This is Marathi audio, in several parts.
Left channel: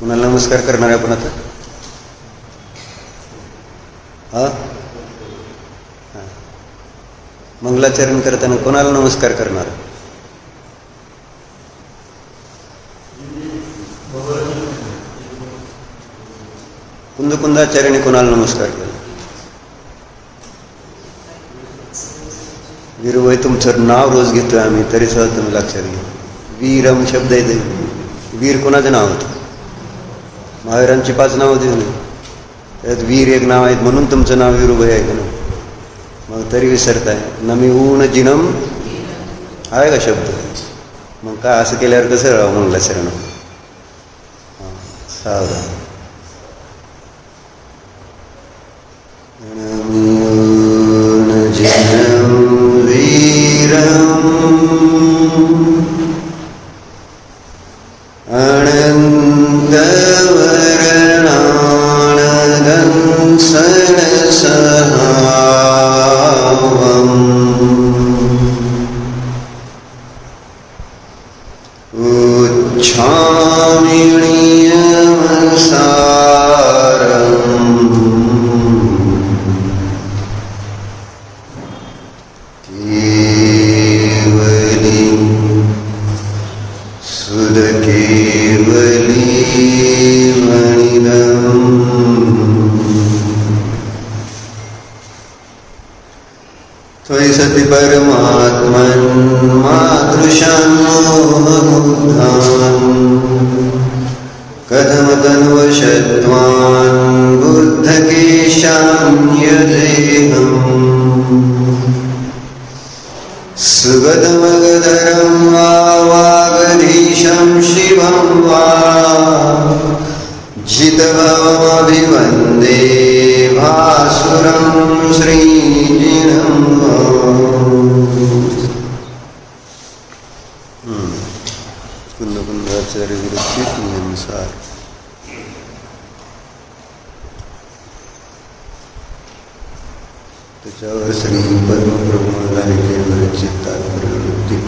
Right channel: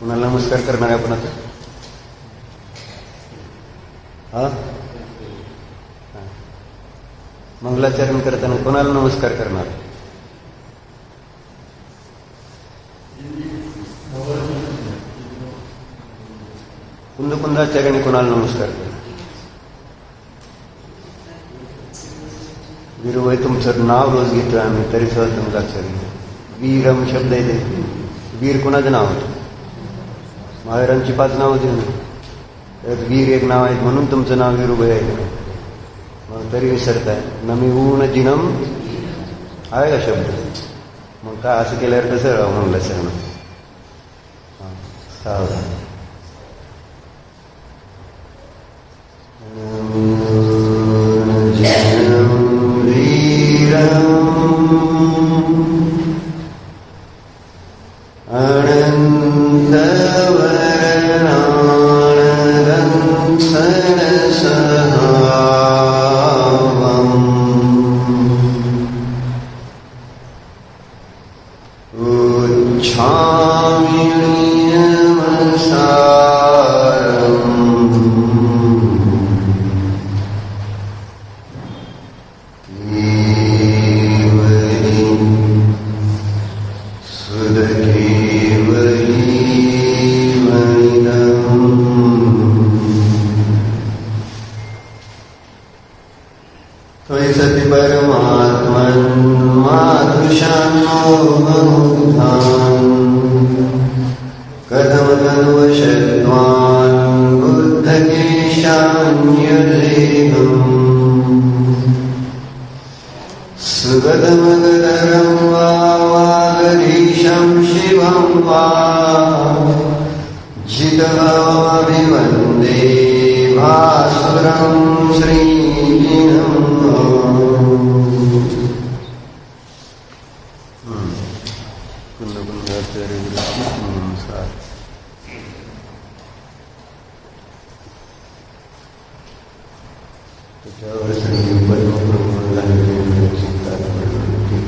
कुणाला नमस्कार करणार आहे आपण आता? हा, मंगलाचरण करताना कोणाला नमस्कार करणार? कुंदाचार्याने कोणाला नमस्कार केला? वीरबाई, तुमचं नाव रोज घेतोय आम्ही, तरी सुद्धा तुम्ही लक्षात घ्या. वीरम शब्द येते. वीर कोणाचं नाव होतं? महावीरांची 5 नाव होती ना, त्यात वीर एक नाव आहे, म्हणून तुमचं नाव वीरबाई आहे ना. मग तरी विसरताय. नमी ऊन जिनम आहे का शब्द? मग काय असं केल्यावर कसं राहा मंगलाचरण? सावधान.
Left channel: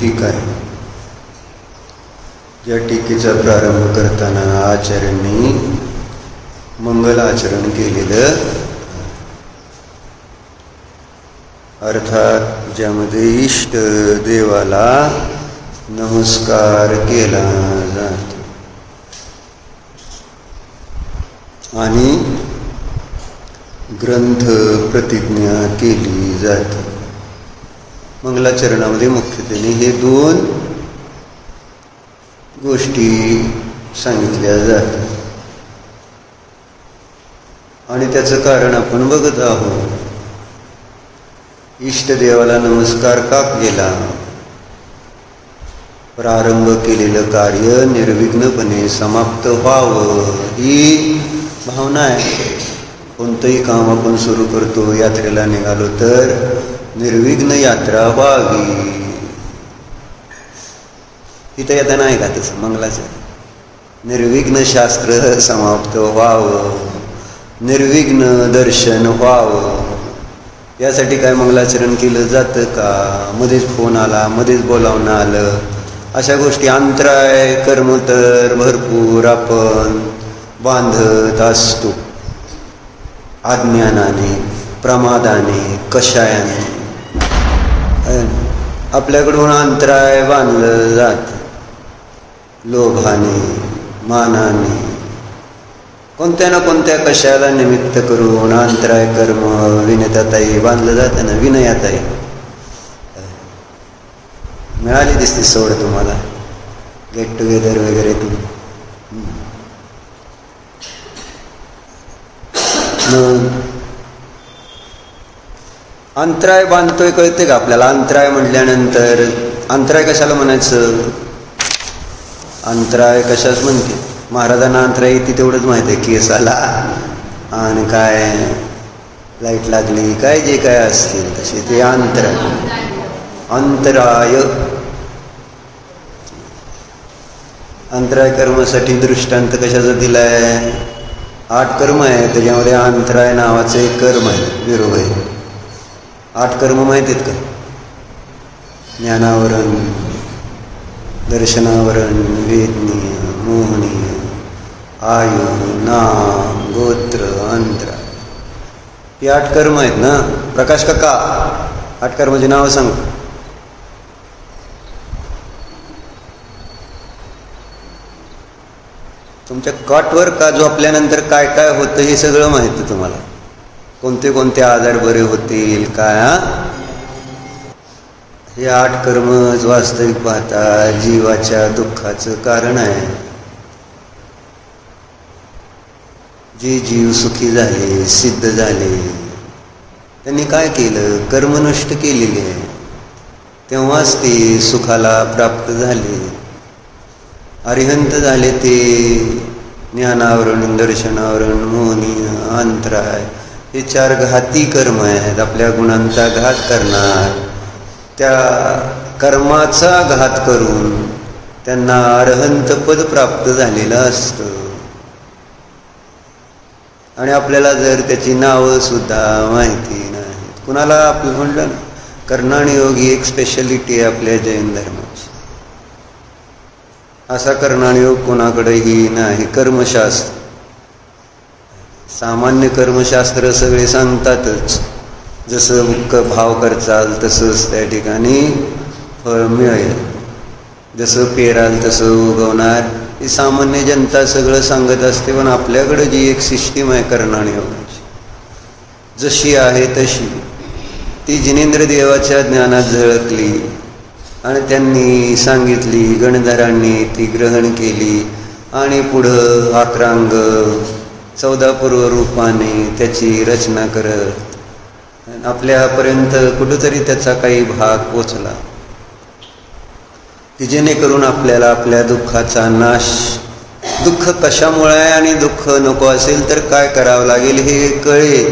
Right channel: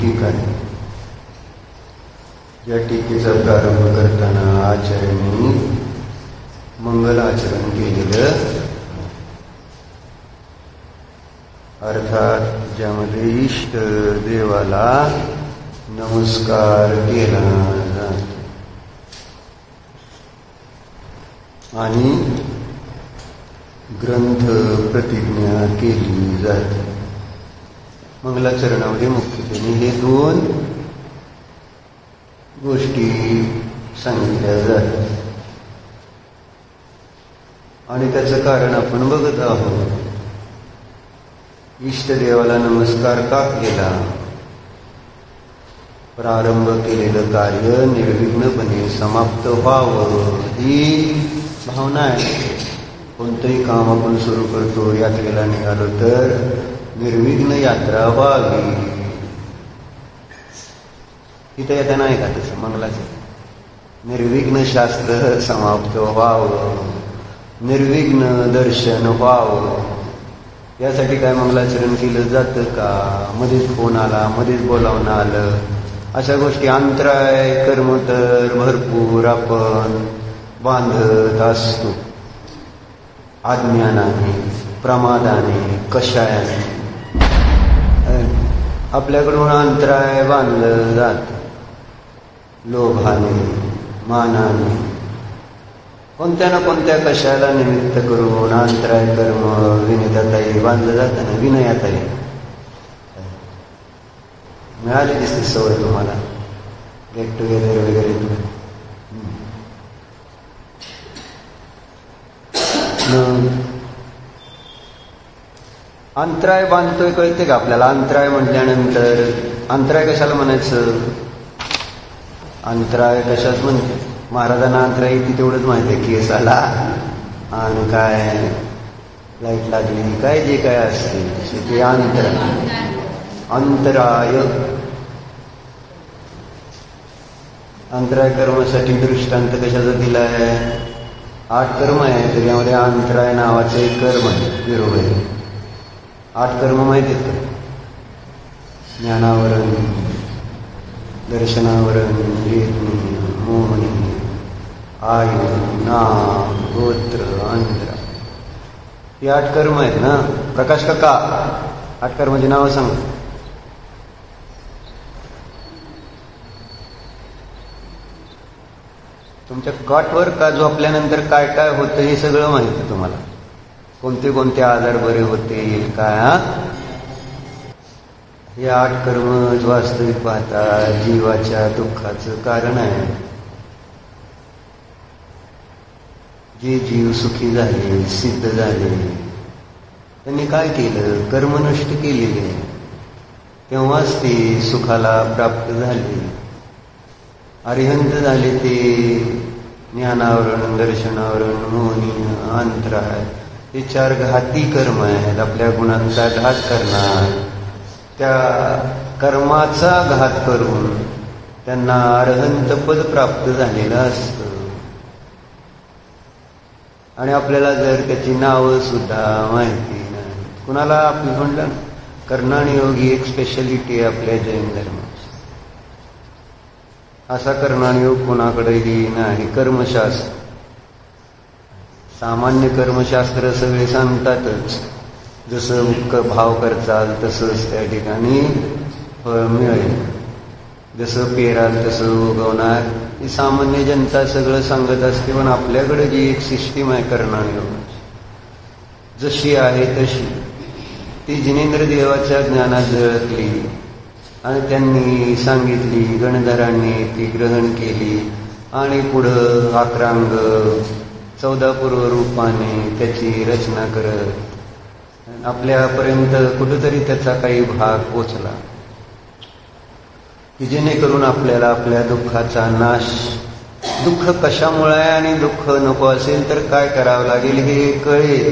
टीका आहे. या टीकेचा प्रारंभ करताना आचार्यांनी मंगलाचरण केलेलं, अर्थात ज्यामध्ये इष्ट देवाला नमस्कार केला जातो आणि ग्रंथ प्रतिज्ञा केली जाते. मंगलाचरणामध्ये मुख्यत्वे हे 2 गोष्टी सांगितल्या जातात आणि त्याचं कारण आपण बघत आहोत. इष्टदेवाला नमस्कार का केला? प्रारंभ केलेलं कार्य निर्विघ्नपणे समाप्त व्हावं ही भावना आहे. कोणतंही काम आपण सुरू करतो, यात्रेला निघालो तर निर्विघ्न यात्रा व्हावी. इथं येतं नाही का तसं मंगलाचरण? निर्विघ्न शास्त्र समाप्त व्हावं, निर्विघ्न दर्शन व्हावं, यासाठी काय मंगलाचरण केलं जातं का? मध्येच फोन आला, मध्येच बोलावणं आलं, अशा गोष्टी अंतराय कर्म तर भरपूर आपण बांधत असतो. अज्ञानाने, प्रमादाने, कषायाने आपल्याकडून अंतराय बांधलं जात. लोभाने, मानाने, कोणत्या ना कोणत्या कशाला निमित्त करून अंतराय कर्म विनयताई बांधलं जातं ना. विनयाताई मिळाली दिसते सवड तुम्हाला, गेट टुगेदर वगैरे. अंतराय बांधतोय कळते का आपल्याला? अंतराय म्हटल्यानंतर अंतराय कशाला म्हणायचं? अंतराय कशाच म्हणते? महाराजांना अंतराय येते तेवढंच माहिती आहे. केस आला आणि काय लाईट लागली, काय जे काय असतील तसे ते अंतराय. अंतराय अंतराय कर्मासाठी दृष्टांत कशाचा दिलाय? 8 कर्म आहे, त्याच्यामध्ये अंतराय नावाचं एक कर्म आहे. विरोध आहे. 8 कर्म माहिती आहेत का? ज्ञानावरण, दर्शनावरण, वेदनी, मोहनी, आयु, नाम, गोत्र, अंतर, ही 8 कर्म आहेत ना. प्रकाश काका 8 कर्माची नावं सांग. तुमच्या कॉटवर का झोपल्यानंतर काय काय होतं हे सगळं माहिती तुम्हाला. कोणते कोणते आजार बरे होतील काय. हे 8 कर्मच वास्तविक पाहता जीवाच्या दुःखाचं कारण आहे. जे जीव सुखी झाले, सिद्ध झाले, त्यांनी काय केलं, कर्म नष्ट केलेले आहे. तेव्हाच ते सुखाला प्राप्त झाले, अरिहंत झाले. ते ज्ञानावरण, दर्शनावरण, मोहनीय, अंतराय हे 4 घाती कर्म आहेत. आपल्या गुणांचा घात करणार, त्या कर्माचा घात करून त्यांना अरहंत पद प्राप्त झालेलं असतं. आणि आपल्याला जर त्याची नावं सुद्धा माहिती नाही. कुणाला आपण म्हणलं ना, कर्णाणी योग ही एक स्पेशालिटी आहे आपल्या जैन धर्माची. असा कर्णाणी योग कोणाकडेही नाही. कर्मशास्त्र, सामान्य कर्मशास्त्र सगळे सांगतातच. जसं भाव करचाल तसंच त्या ठिकाणी फळ मिळेल, जसं पेराल तसं उगवणार, ही सामान्य जनता सगळं सांगत असते. पण आपल्याकडे जी एक सिस्टीम आहे कर्णाणी योगाची, जशी आहे तशी, ती जिनेंद्र देवाच्या ज्ञानात झळकली आणि त्यांनी सांगितली. गणधरांनी ती ग्रहण केली आणि पुढं 11 अंग 14 पूर्व रूपाने त्याची रचना करत आपल्यापर्यंत कुठंतरी त्याचा काही भाग पोचला, की जेणेकरून आपल्याला आपल्या दुःखाचा नाश, दुःख कशामुळे आहे आणि दुःख नको असेल तर काय करावं लागेल हे कळेल.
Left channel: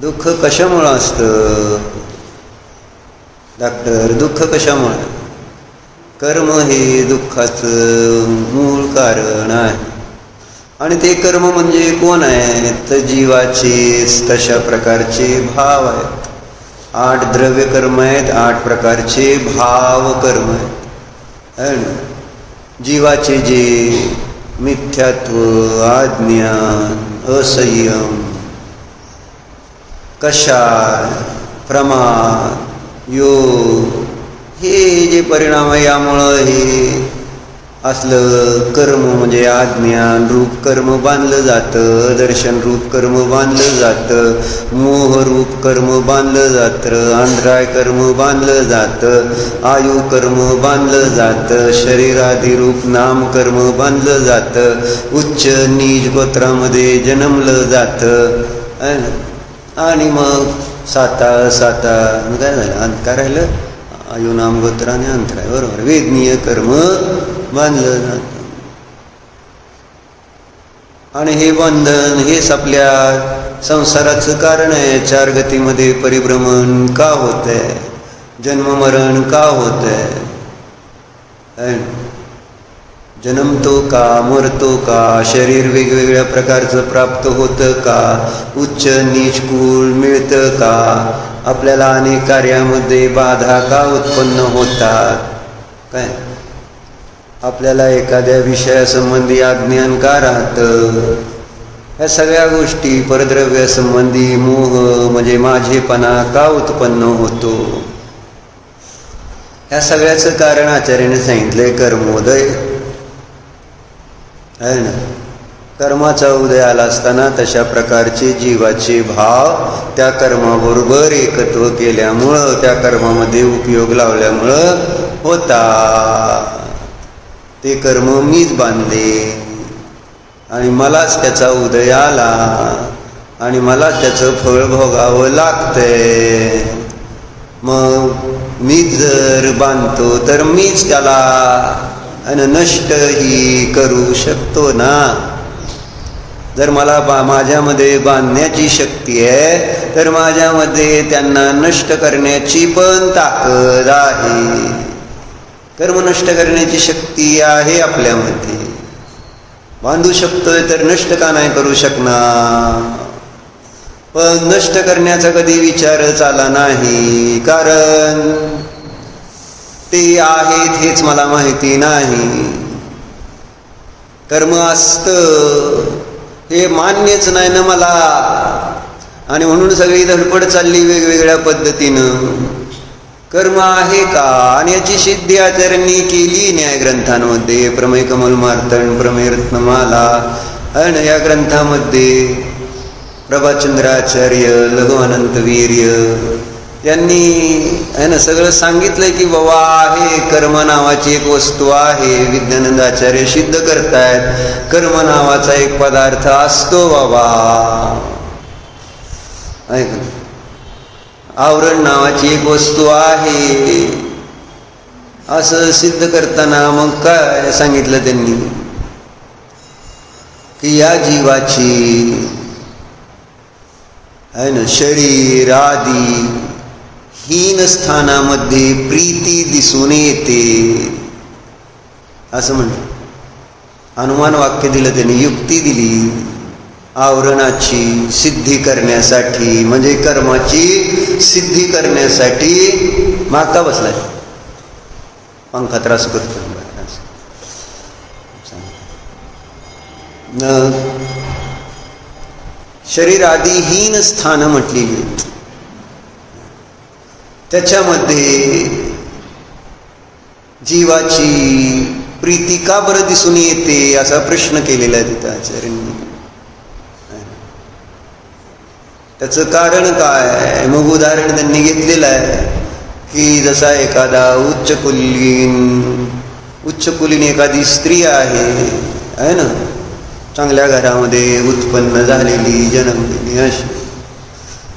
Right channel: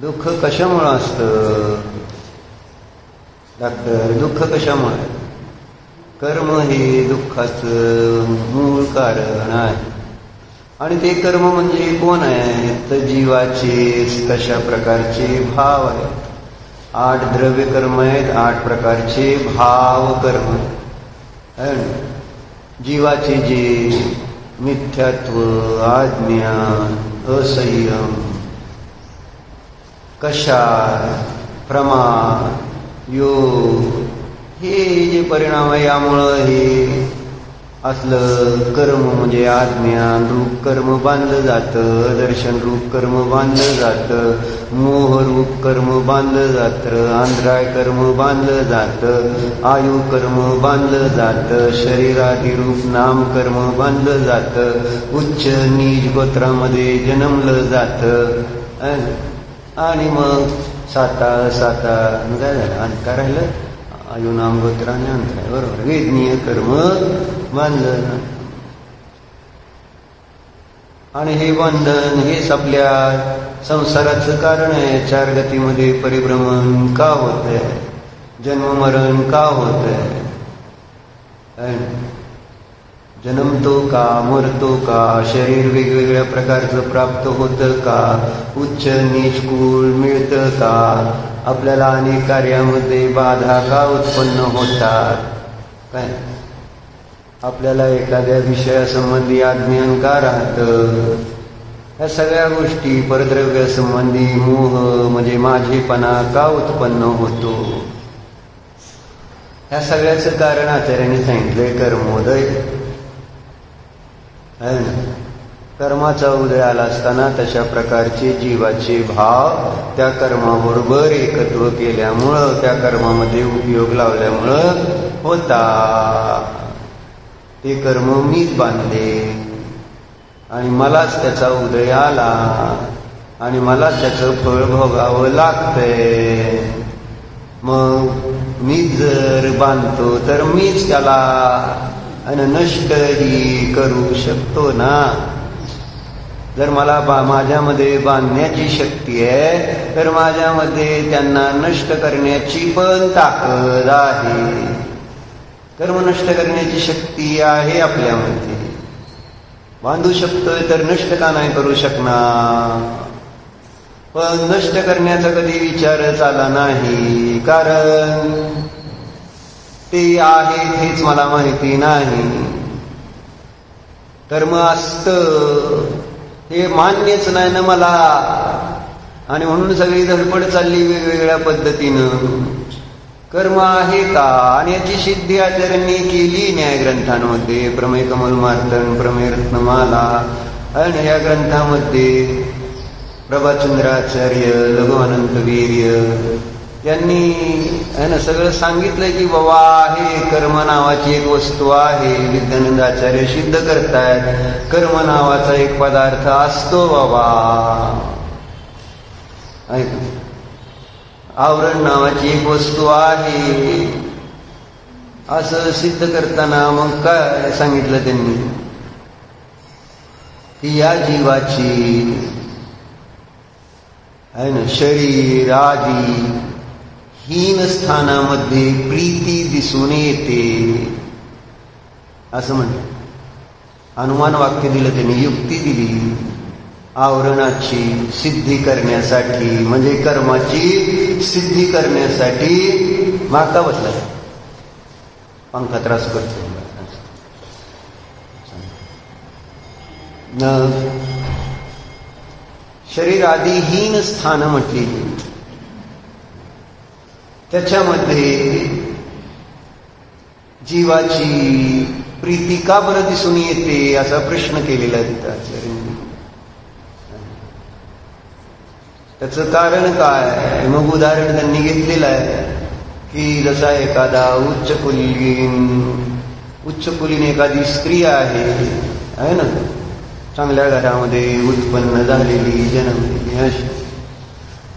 दुःख कशामुळं असतं डॉक्टर, दुःख कशामुळे? कर्म हे दुःखाचं मूळ कारण आहे. आणि ते कर्म म्हणजे कोण आहे तर जीवाचे तशा प्रकारचे भाव आहेत. 8 द्रव्य कर्म आहेत, 8 प्रकारचे भाव कर्म आहेत. जीवाचे जे मिथ्यात्व, आज्ञा, असंयम, कषाय, प्रमाद, योग, हे जे परिणाम आहे, यामुळं हे असलं कर्म म्हणजे अज्ञान रूप कर्म बांधलं जातं, दर्शन रूप कर्म बांधलं जातं, मोह रूप कर्म बांधलं जातं, अंधराय कर्म बांधलं जातं, आयु कर्म बांधलं जातं, शरीरादी रूप नाम कर्म बांधलं जातं, उच्च नीच गोत्रामध्ये जन्मलं जातं. आणि मग साता मग काय झालं, काय राहिलं, आयु नाम गोत्राने अंतराय, बरोबर. वेदनीय कर्म बांधलं जातं. आणि हे बंधन हेच आपल्या संसाराचं कारण आहे. 4 गतीमध्ये परिभ्रमण का होत आहे, जन्ममरण का होत आहे, जन्मतो का, मरतो का, शरीर वेगवेगळ्या प्रकारचं प्राप्त होतं का, उच्च नीच कुळ मिळतं का, आपल्याला अनेक कार्यामध्ये बाधा का उत्पन्न होतात, काय आपल्याला एखाद्या विषयासंबंधी अज्ञान का राहतं, ह्या सगळ्या गोष्टी, परद्रव्यासंबंधी मोह म्हणजे माझेपणा का उत्पन्न होतो, ह्या सगळ्याचं कारण आचार्याने सांगितलंय कर्मोदय आहे ना. कर्माचा उदय आला असताना तशा प्रकारचे जीवाचे भाव त्या कर्माबरोबर एकत्व केल्यामुळं, त्या कर्मामध्ये उपयोग लावल्यामुळं होता. ते कर्म मीच बांधले आणि मलाच त्याचा उदय आला आणि मलाच त्याचं फळ भोगावं लागतंय. मग मीच जर बांधतो तर मीच त्याला नष्टही करू शकतो ना. जर मला माझ्यामध्ये बांधण्याची शक्ती आहे तर माझ्यामध्ये त्यांना नष्ट करण्याची पण ताकद आहे. कर्म नष्ट करण्याची शक्ती आहे आपल्यामध्ये. बांधू शकतोय तर नष्ट का नाही करू शकणार. पण नष्ट करण्याचा कधी विचारच आला नाही, कारण ते आहेत हेच मला माहिती नाही. कर्म असतं हे मान्यच नाही ना मला, आणि म्हणून सगळी धडपड चालली वेगवेगळ्या पद्धतीनं. कर्म आहे का, आणि याची सिद्धी आचार्यांनी केली न्यायग्रंथांमध्ये. प्रमेय कमल मार्तंड, प्रमेय रत्नमाला आणि या ग्रंथामध्ये प्रभाचंद्राचार्य, लघुअनंत वीर्य यांनी आहे ना सगळं सांगितलंय की बाबा आहे कर्म नावाची एक वस्तू आहे. विद्यानंद आचार्य सिद्ध करतायत कर्म नावाचा एक पदार्थ असतो बाबा. ऐक, आवरण नावाची एक वस्तू आहे असं सिद्ध करताना मग काय सांगितलं त्यांनी की या जीवाची आहे ना शरीर आदी हीन स्थानामध्ये प्रीती दिसून येते असं म्हणलं. अनुमान वाक्य दिलं त्यांनी, युक्ती दिली आवरणाची सिद्धी करण्यासाठी, म्हणजे कर्माची सिद्धी करण्यासाठी. मागता बसलाय, पंखा त्रास करतो. शरीरादी हीन स्थान म्हटली, त्याच्यामध्ये जीवाची प्रीती का बरं दिसून येते असा प्रश्न केलेला आहे तिथं आचार्यांनी. त्याचं कारण काय, मग उदाहरण त्यांनी घेतलेलं आहे की जसा एखादा उच्च कुलीन एखादी स्त्री आहे ना, चांगल्या घरामध्ये उत्पन्न झालेली, जन्मलेली अशी,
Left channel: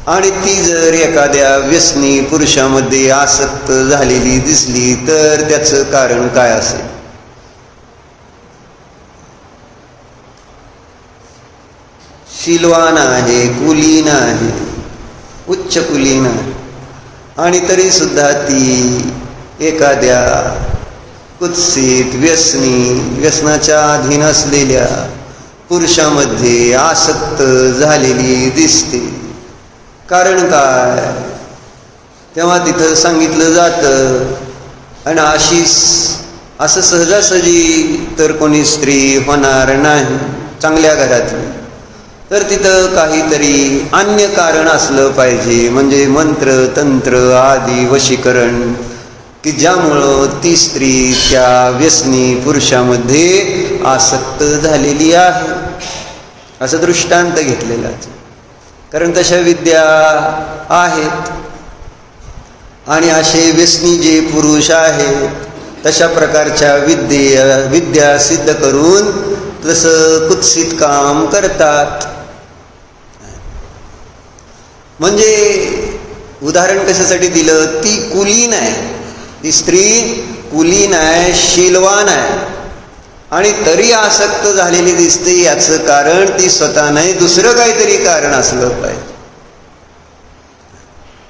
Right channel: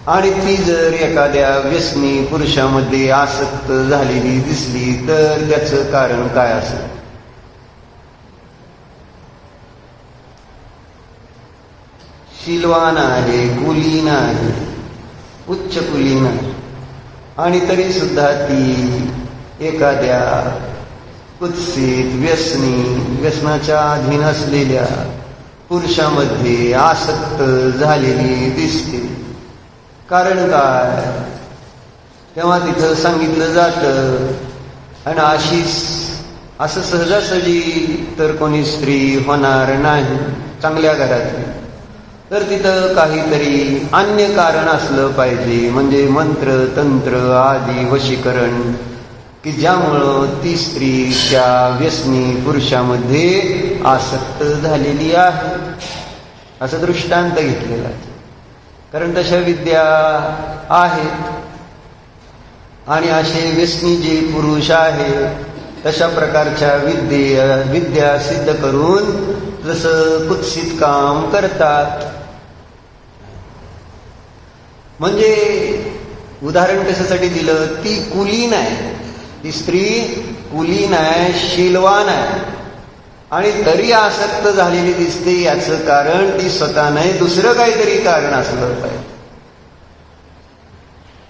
आणि ती जर एखाद्या व्यसनी पुरुषामध्ये आसक्त झालेली दिसली तर त्याचं कारण काय असेल. शीलवान आहे, कुलीन आहे, उच्च कुलीन आहे, आणि तरी सुद्धा ती एखाद्या कुत्सित व्यसनाच्या अधीन असलेल्या पुरुषामध्ये आसक्त झालेली दिसते. कारण काय, तेव्हा तिथं सांगितलं जातं, आणि असं सहजासहजी तर कोणी स्त्री होणार नाही चांगल्या घरातली, तर तिथं काहीतरी अन्य कारण असलं पाहिजे, म्हणजे मंत्र तंत्र आदी वशीकरण, की ज्यामुळं ती स्त्री त्या व्यसनी पुरुषामध्ये आसक्त झालेली आहे असं दृष्टांत घेतलेला. कारण तशा विद्या आहेत, आणि असे व्यसनी जे पुरुष आहेत तशा प्रकारच्या विद्या सिद्ध करून तसं कुत्सित काम करतात. म्हणजे उदाहरण कशासाठी दिलं, ती कुलीन आहे, ती स्त्री कुलीन आहे, शीलवान आहे, आणि तरी आसक्त झालेली दिसते. याचं कारण ती स्वतः नाही, दुसरं काहीतरी कारण असलं पाहिजे.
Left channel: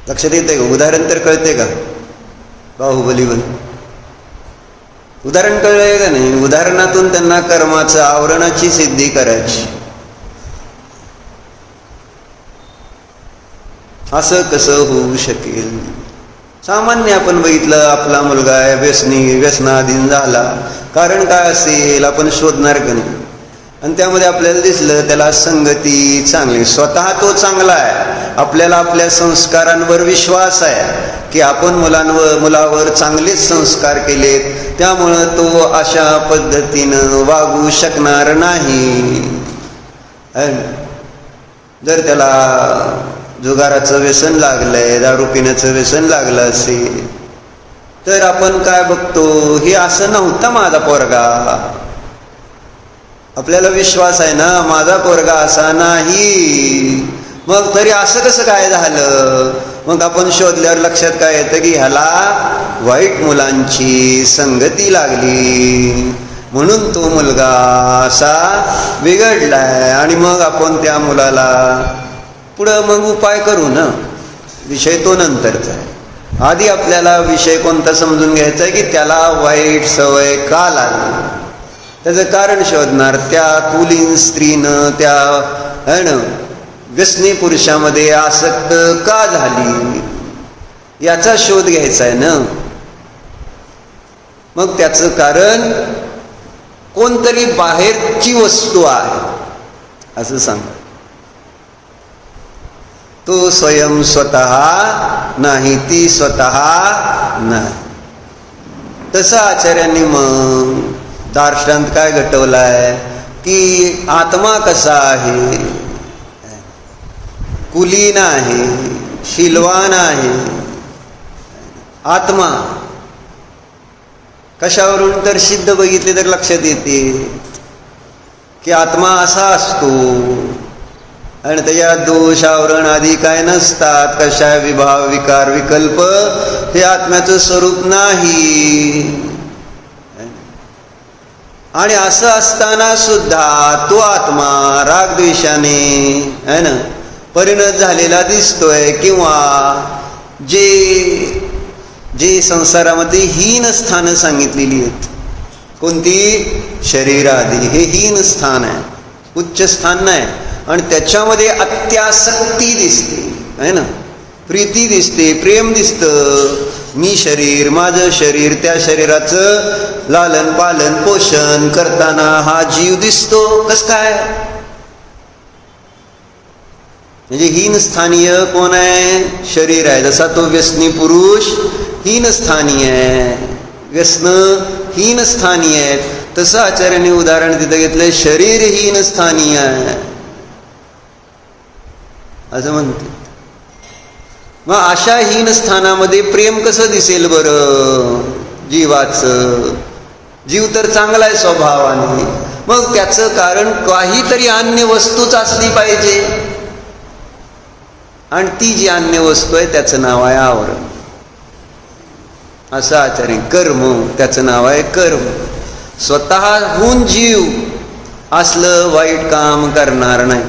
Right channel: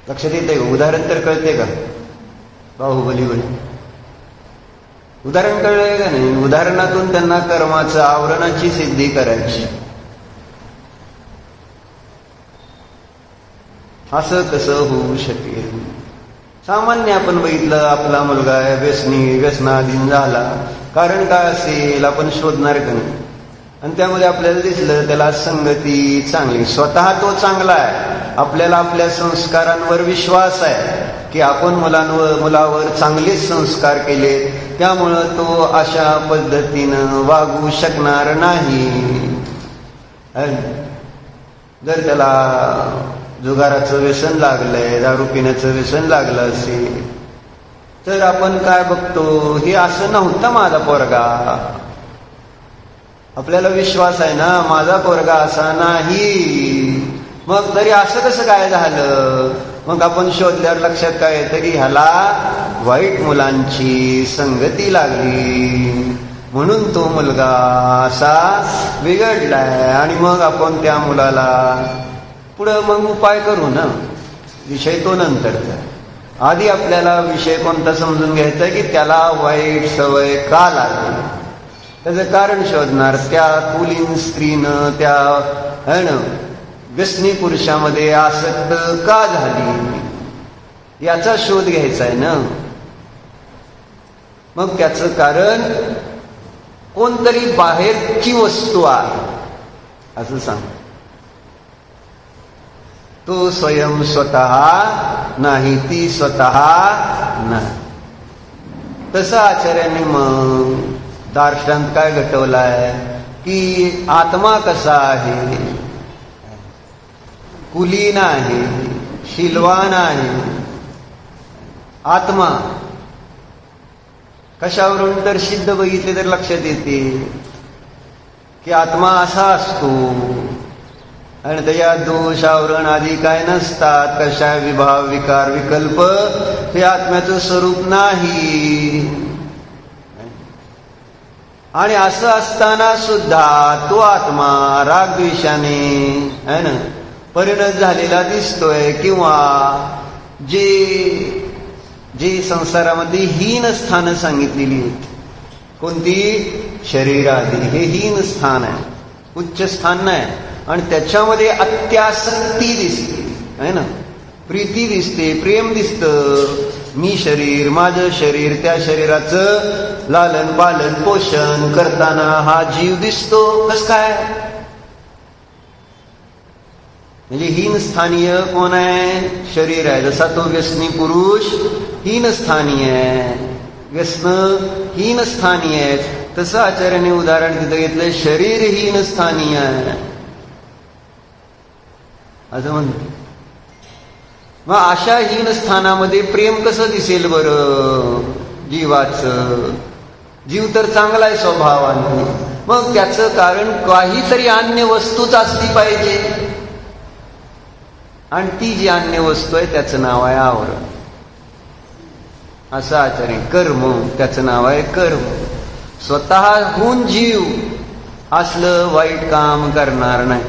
लक्षात येते का? उदाहरण तर कळते का? बाहुबली उदाहरण कळलंय का नाही? उदाहरणातून त्यांना कर्माचं आवरणाची सिद्धी करायची. असं कसं होऊ शकेल? सामान्य आपण बघितलं, आपला मुलगा आहे व्यसनाधीन झाला, कारण काय असेल आपण शोधणार का नाही? आणि त्यामध्ये आपल्याला दिसलं त्याला संगती चांगली, स्वतः तो चांगला आहे, आपल्याला आपल्या संस्कारांवर विश्वास आहे की आपण मुलावर चांगलेच संस्कार केलेत, त्यामुळं तो अशा पद्धतीनं वागू शकणार नाही. जर त्याला जुगाराचं व्यसन लागलंय, दारू पिण्याचं व्यसन लागलं असेल, तर आपण काय बघतो, हे असं नव्हता माझा पोरगा. आपल्याला विश्वास आहे ना माझा पोरगा असा नाही, मग तरी असं कसं काय झालं? मग आपण शोधल्यावर लक्षात काय येतं की ह्याला वाईट मुलांची संगती लागली, म्हणून तो मुलगा असा बिघडलाय. आणि मग आपण त्या मुलाला पुढं मग उपाय करू ना, विषय तो नंतरचा आहे. आधी आपल्याला विषय कोणता समजून घ्यायचा आहे की त्याला वाईट सवय का लागली, त्याचं कारण शोधणार. त्या कुलीन स्त्रीनं त्या व्यसनी पुरुषामध्ये आसक्त का झाली याचा शोध घ्यायचा आहे ना. मग त्याचं कारण कोणतरी बाहेरची वस्तू आहे असं सांग. तो स्वयं स्वतः नाही, ती स्वतः नाही. तसं आचार्यांनी मग दार्शनात काय घटवलाय की आत्मा कसा आहे, कुलीन आहे, शीलवान आहे. आत्मा कशावरून तर सिद्ध बघितले तर लक्षात येते की आत्मा असा असतो आणि त्याच्यात दोष आवरण आदी काय नसतात. कशा विभाव विकार विकल्प हे आत्म्याचं स्वरूप नाही. आणि असं असताना सुद्धा तो आत्मा रागद्वेषाने है ना परिणत झालेला दिसतोय. किंवा जे संसारामध्ये हीन स्थानं सांगितलेली आहेत, कोणती शरीरादी, हे हीन स्थान आहे, उच्च स्थान नाही. आणि त्याच्यामध्ये अत्यासक्ती दिसते है ना, प्रीती दिसते, प्रेम दिसतं. मी शरीर, माझं शरीर, त्या शरीराचं लालन पालन पोषण करताना हा जीव दिसतो. कस काय म्हणजे हीन स्थानीय कोण आहे, शरीर आहे. जसा तो व्यसनी पुरुष हीन स्थानीय आहे, व्यसन हीन स्थानीय आहे, तसं आचार्याने उदाहरण तिथं घेतलंय, शरीर हीन स्थानीय आहे असं म्हणते. मग अशा हीन स्थानामध्ये प्रेम कसं दिसेल बरं जीवाचं? जीव तर चांगला आहे स्वभावाने, मग त्याचं कारण काहीतरी अन्य वस्तूच असली पाहिजे. आणि ती जी अन्य वस्तू आहे त्याचं नाव आहे आवरण. असं आचार्य कर्म, त्याचं नाव आहे कर्म. स्वतःहून जीव असलं वाईट काम करणार नाही,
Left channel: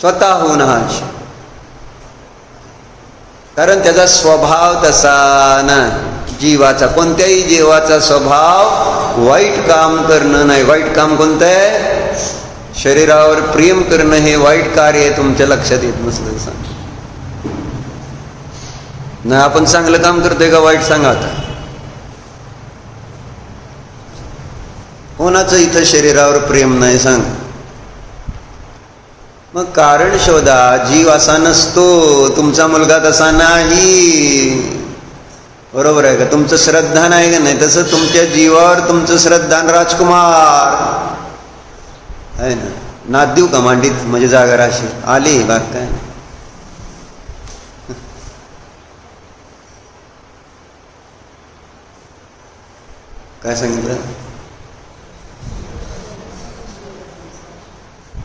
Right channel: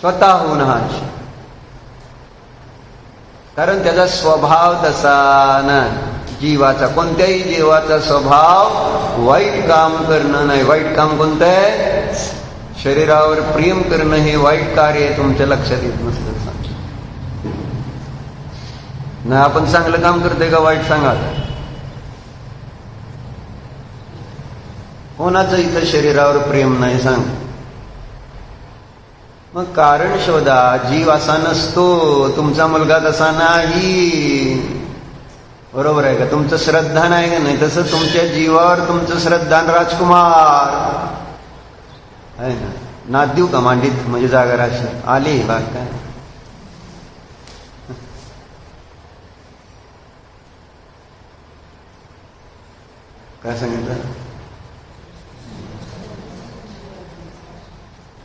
स्वतःहून हा कारण त्याचा स्वभाव तसा नाही. जीवाचा, कोणत्याही जीवाचा स्वभाव वाईट काम करणं नाही. वाईट काम कोणतं आहे? शरीरावर प्रेम करणं हे वाईट कार्य आहे. तुमच्या लक्षात येत नसतं सांग ना. आपण चांगलं काम करतोय का वाईट सांगा आता. कोणाचं इथं शरीरावर प्रेम नाही सांग. मग कारण शोधा. जीव असा नसतो, तुमचा मुलगा तसा नाही, बरोबर आहे का? तुमचं श्रद्धा नाही का नाही, तसं तुमच्या जीवावर तुमचं श्रद्धान राजकुमार आहे ना. नाद देऊ का मांडीत म्हणजे जागा राशी आली बाग काय. काय सांगितलं?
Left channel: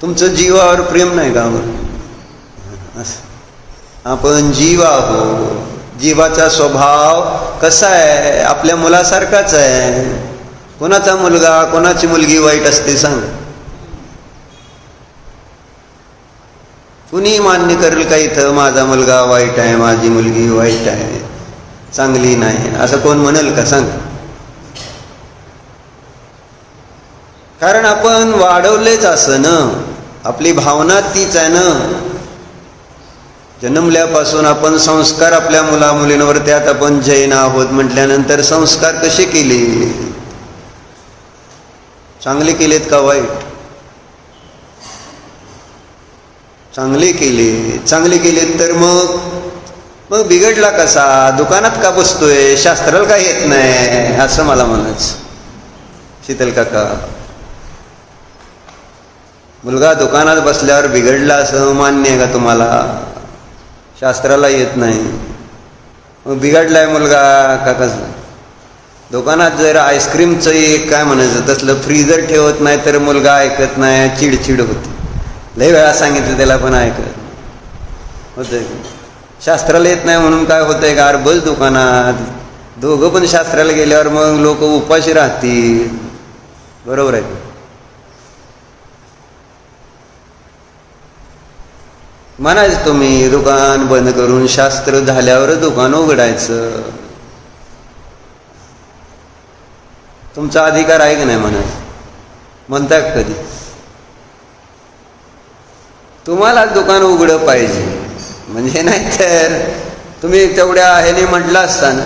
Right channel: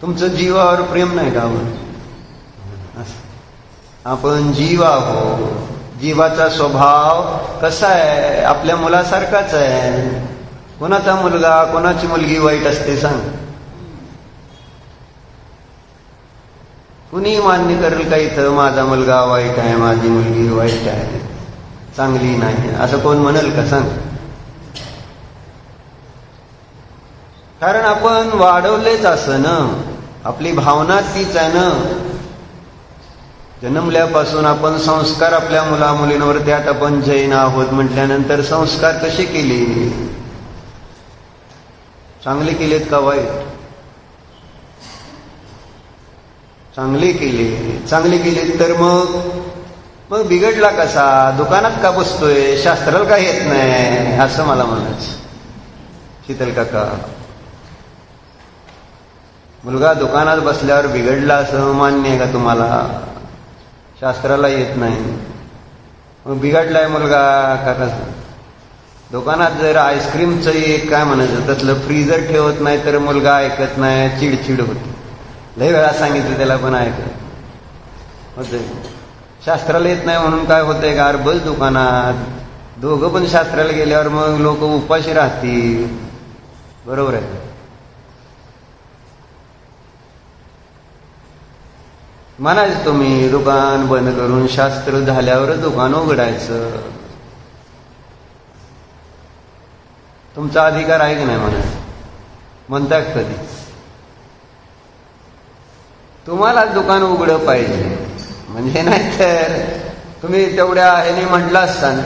तुमचं जीवावर प्रेम नाही का? आपण जीव आहोत. जीवाचा स्वभाव कसा आहे? आपल्या मुलासारखाच आहे. कोणाचा मुलगा कोणाची मुलगी वाईट असते सांग? कुणी मान्य करेल का इथं माझा मुलगा वाईट आहे, माझी मुलगी वाईट आहे, चांगली नाही, असं कोण म्हणेल का सांग? कारण आपण वाढवलेच असं ना. आपली भावना तीच आहे ना. जन्मल्यापासून आपण संस्कार आपल्या मुला मुलींवर, त्यात आपण जैन आहोत म्हटल्यानंतर संस्कार कसे केले? चांगले केलेत का वाईट? चांगले केले. चांगले केलेत तर मग बिघडला कसा? दुकानात का बसतोय? शास्त्राला का येत नाही असं मला म्हणायचं. शीतल काका, मुलगा दुकानात बसल्यावर बिघडला असं मान्य आहे का तुम्हाला? शास्त्राला येत नाही, मग बिघडलाय मुलगा का कसं? दुकानात जर आईस्क्रीमचं एक काय म्हणायचं तसलं फ्रीजर ठेवत नाही तर मुलगा ऐकत नाही, चिडचिड होती. लय वेळा सांगितलं त्याला पण ऐकत होतंय. शास्त्राला येत नाही म्हणून काय होतंय का? बस दुकानात दोघं पण शास्त्राला गेल्यावर मग लोक उपाशी राहतील. बरोबर आहे. म्हणायचं तुम्ही दुकान बंद करून शास्त्र झाल्यावर दुकान उघडायचं. तुमचा अधिकार आहे की नाही म्हणायचं? म्हणता कधी? तुम्हाला दुकान उघडं पाहिजे म्हणजे, नाही तर तुम्ही तेवढ्या ह्याने म्हटलं असता ना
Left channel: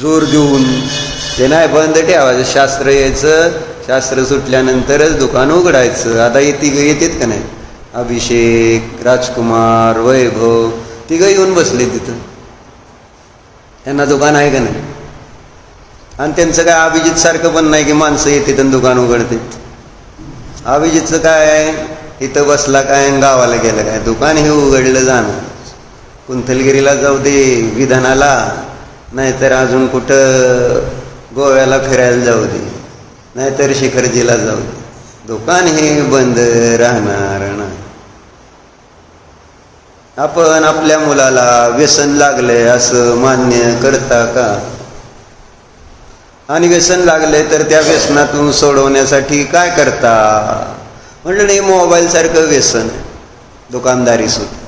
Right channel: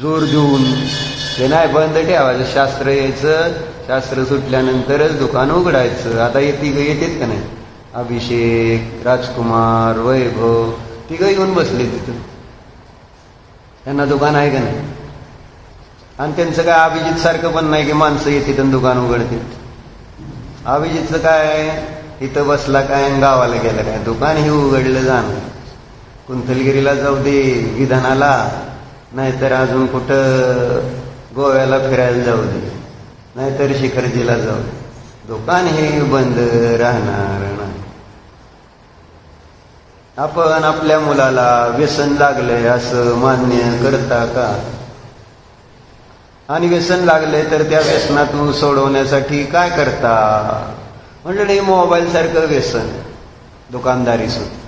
जोर देऊन ते नाही बंद ठेवायचं, शास्त्र यायचं, शास्त्र सुटल्यानंतरच दुकान उघडायचं. आता येतात का नाही, अभिषेक, राजकुमार, वैभव, तिघं येऊन बसले तिथं. त्यांना दुकान आहे का नाही? आणि त्यांचं काय अभिजित सारखं पण नाही की माणसं येतात आणि दुकान उघडतात. अभिजितचं काय, इथं बसला काय गावाला गेलं काय, दुकान हे उघडलं जाणं. कुंथलगिरीला जाऊ दे, विधानाला, नाहीतर अजून कुठं गोव्याला फिरायला जाऊ दे, नाहीतर शिखरजीला जाऊ दे, दुकान हे बंद राहणार नाही. आपण आपल्या मुलाला व्यसन लागले असं मान्य करता का? आणि व्यसन लागले तर त्या व्यसनातून सोडवण्यासाठी काय करता? म्हणलं नाही, मोबाईल सारखं व्यसन, दुकानदारी सुद्धा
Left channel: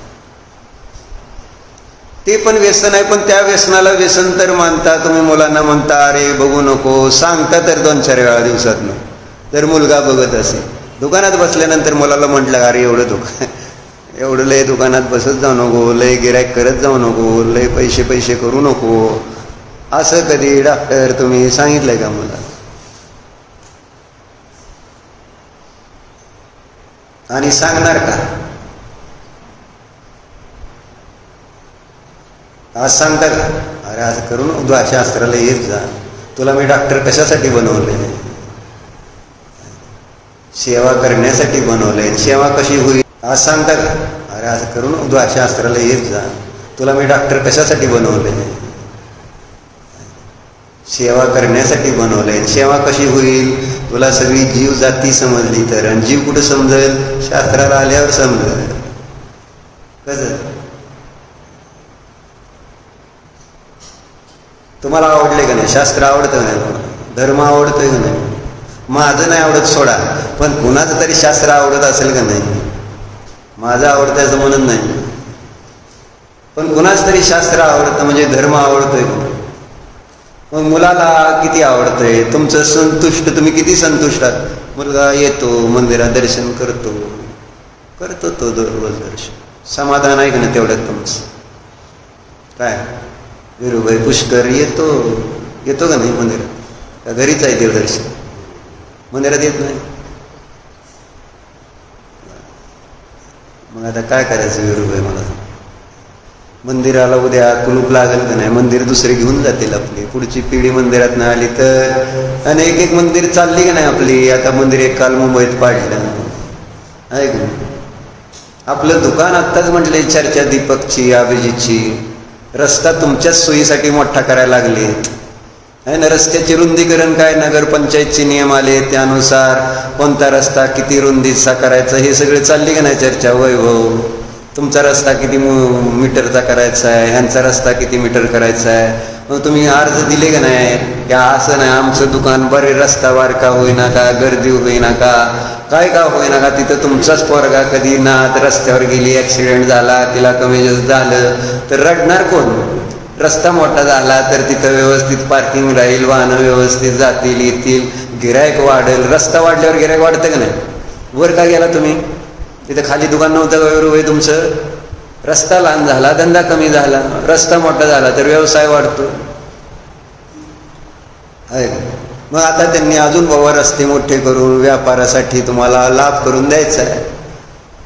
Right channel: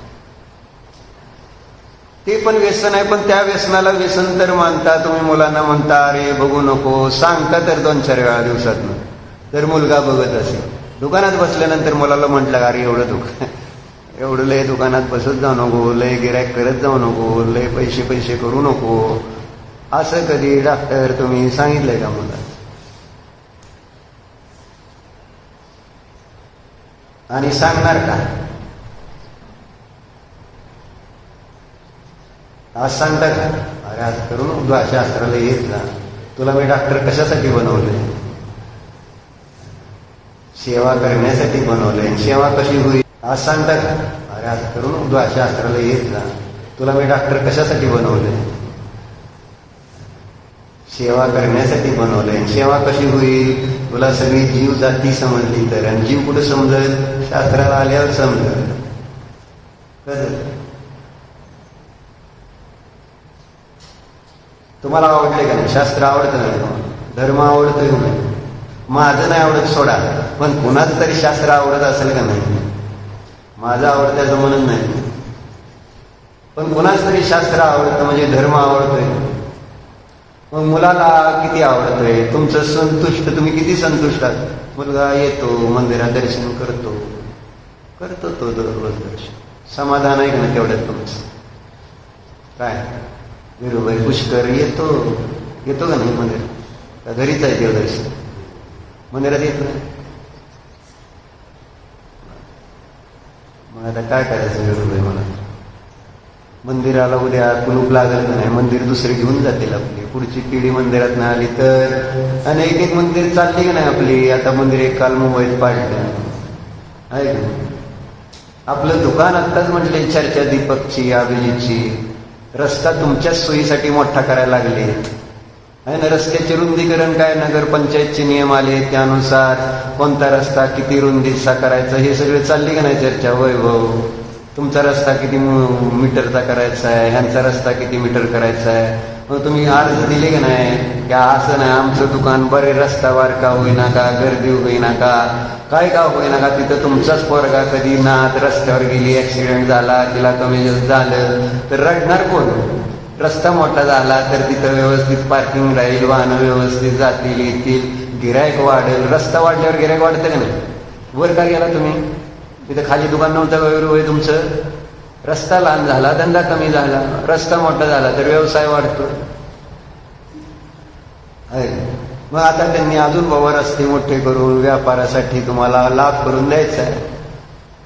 ते पण व्यसन आहे. पण त्या व्यसनाला व्यसन तर मानता तुम्ही. मुलांना म्हणता अरे बघू नको, सांगता तर 2-4 वेळा दिवसातनं. तर मुलगा बघत असेल, दुकानात बसल्यानंतर मुलाला म्हटलं अरे एवढं लय दुकानात बसत जाऊ नको, लय गिऱ्हाईक करत जाऊ नको, लय पैसे करू नको, असं कधी डॉक्टर तुम्ही सांगितलंय का मुलाला? आणि सांगणार का? आज सांगता का अरे आज करून उद्या शास्त्राला येत जा, तुला मी डॉक्टर कशासाठी बनवले? सेवा करण्यासाठी बनवले. सेवा कशी होईल? आज सांगता का अरे आज करून उद्या शास्त्राला येत जा, तुला मी डॉक्टर कशासाठी बनवले? सेवा करण्यासाठी बनवले. सेवा कशी होईल? तुला सगळी जीव जाती समजली तर. आणि जीव कुठं समजेल? शास्त्राला आल्यावर समजेल. कसं तुम्हाला आवडले का नाही? शास्त्र आवडतं नाही? धर्म आवडतोय का नाही? माझं नाही आवडत सोडा, पण कुणाचं तरी शास्त्र आवडत असेल का नाही? माझं आवडतं असं म्हणत नाही, पण कुणाच तरी शास्त्र आवडतं म्हणजे धर्म आवडतोय. मग मुलाला किती आवडतंय? तुमचं संतुष्ट, तुम्ही किती संतुष्ट आहात? मुलगा येतो मंदिरात, दर्शन करतो तो दररोज दर्शन, समाधान आहे का नाही तेवढ्यात तुमचं? काय विरुबाई पुष्कर येतो का नाही मंदिरात? का घरीच आहे देव दर्शन? मंदिरात येत नाही. मग आता काय करायचं विरुबाई? मला मंदिराला उद्या कुलूप लागेल का नाही? मंदिर दुसरे घेऊन जातील आपली. पुढची पिढी मंदिरात नाही आली तर. आणि एक मंदिर चालली का नाही आपली? आता मंदिर एक काल मुंबईत पाडलं आहे का? आपलं दुकान आत्ताच म्हटले चर्चा दीपकची, अभिजितची. रस्ता तुमच्याच सोयीसाठी मोठा करायला लागले आहे ना. रस्त्याचे रुंदीकरण काय नगरपंचायतचे नियम आले, त्यानुसार कोणता रस्ता किती रुंदीचा करायचा हे सगळे चालली का नाही चर्चा? वैभव, तुमचा रस्ता किती मीटरचा करायचा आहे, ह्यांचा रस्ता किती मीटर करायचा आहे. मग तुम्ही अर्ज दिले का नाही की असं नाही आमचं दुकान बरे रस्ता बारका होईना का, गर्दी होईना का, काय का होईना का, तिथं तुमचाच पोरगा कधी नात रस्त्यावर गेली, ॲक्सिडेंट झाला, तिला कमी जास्त झालं तर रडणार कोण? रस्ता मोठा झाला तर तिथं व्यवस्थित पार्किंग राहील, वाहनं व्यवस्थित जातील येतील, गिऱ्हाईक वाढेल. रस्ता वाढल्यावर गिऱ्हाईक वाढतं का नाही? वर का गेला तुम्ही? तिथं खाली दुकान नव्हतं का तुमचं? रस्ता लहान झाला, धंदा कमी झाला. रस्ता मोठा झाला तर व्यवसाय वाढतो. मग आता त्यांनी अजून बाबा रस्ते मोठे करून व्यापारासाठी तुम्हाला लाभ करून द्यायचा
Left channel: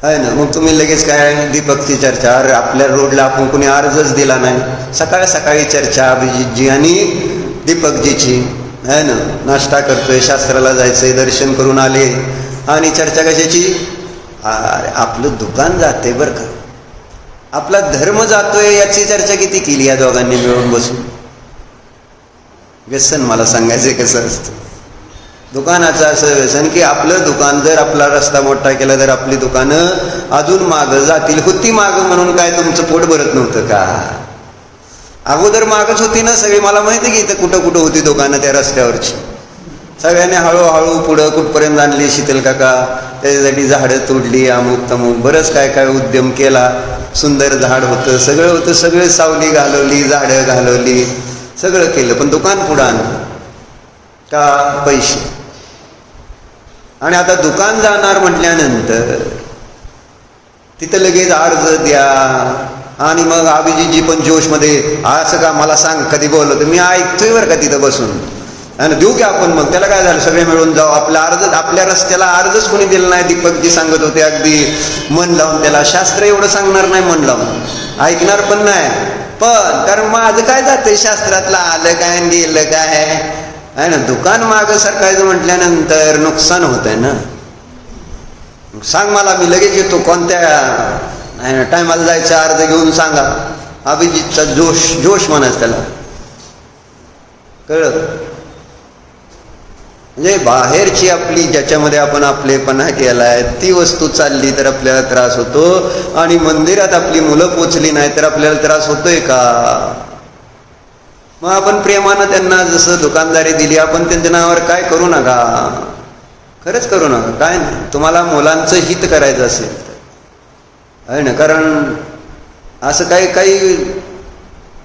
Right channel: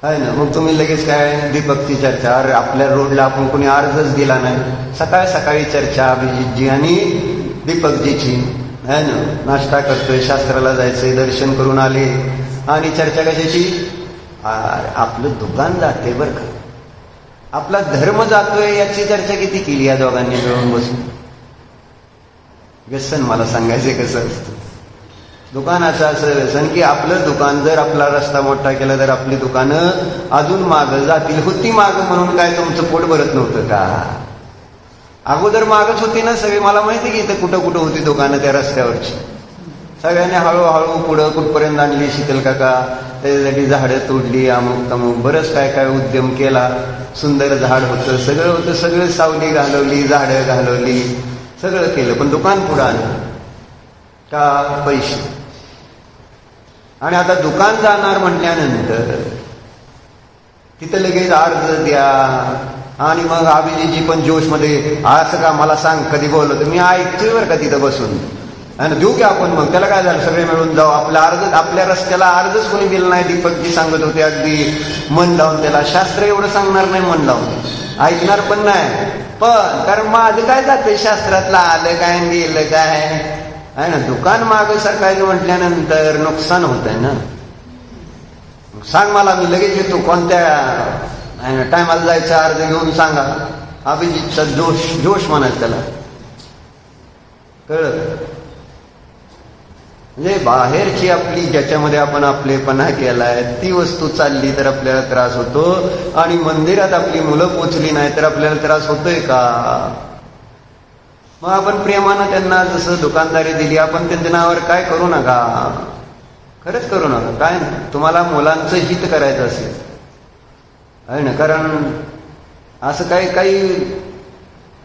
आहे ना. मग तुम्ही लगेच काय दीपकची चर्चा? अरे आपल्या रोडला आपण कुणी अर्जच दिला नाही. सकाळी चर्चा अभिजितजी आणि दीपकजीची आहे ना. नाश्ता करतोय, शास्त्राला जायचंय, दर्शन करून आले आणि चर्चा कशाची? आपलं दुकान जाते बरं का, आपला धर्म जातोय याची चर्चा किती केली या दोघांनी मिळून बसून. व्यसन मला सांगायचंय कसं असतं दुकानाचं. असं व्यसन की आपलं दुकान जर आपला रस्ता मोठा केला तर आपली दुकानं अजून मागं जातील. होती मागं म्हणून काय तुमचं पोट भरत नव्हतं का? अगोदर मागच होती ना सगळी. मला माहिती की इथं कुठं होती दुकानं त्या रस्त्यावरची. सगळ्यांनी हळूहळू पुढं कुठपर्यंत आणली. शीतल काका त्याच्यासाठी झाडं तोडली, अमुक तमुक बरंच काय उद्यम केला. सुंदर झाड होतं, सगळं होतं, सगळं सावली घालवली, झाडं घालवली, सगळं केलं. पण दुकान पुढं आणलं का? पैसे. आणि आता दुकान जाणार म्हटल्यानंतर तिथं लगेच अर्ज द्या. आणि मग अभिजितजी पण जोशमध्ये असं का मला सांग कधी बोलवतं? मी ऐकतोय बरं का तिथं बसून. आणि देऊ की आपण, मग त्याला काय झालं, सगळे मिळून जाऊ. आपल्या रस्त्याला अर्जच कोणी दिलं नाही. दीपकजी सांगत होते अगदी मन लावून. त्याला शास्त्र एवढं सांगणार नाही मन लावून, ऐकणार पण नाही. पण कारण माझं काय जातंय शास्त्रातलं, आलं काय गेलं काय आहे ना. दुकान मागं सरकायचं म्हटल्यानंतर नुकसान होत आहे ना. सांग मला, मी लगेच येतो. कोणत्या टायमाला जायचं अर्ज घेऊन सांगा. अभिजितचा जोश म्हणायचं त्याला, कळलं. म्हणजे बाहेरची आपली ज्याच्यामध्ये आपण आपलेपणा केलाय ती वस्तू चालली तर आपल्याला त्रास होतो, आणि मंदिरात आपली मुलं पोचली नाही तर आपल्याला त्रास होतोय का. मग आपण प्रेमानं त्यांना जसं दुकानदारी दिली, आपण त्यांच्या नावावर काय करू नका, खरंच करू नका. काय नाही, तुम्हाला मुलांचं हित करायचं असेल आहे ना. कारण असं काही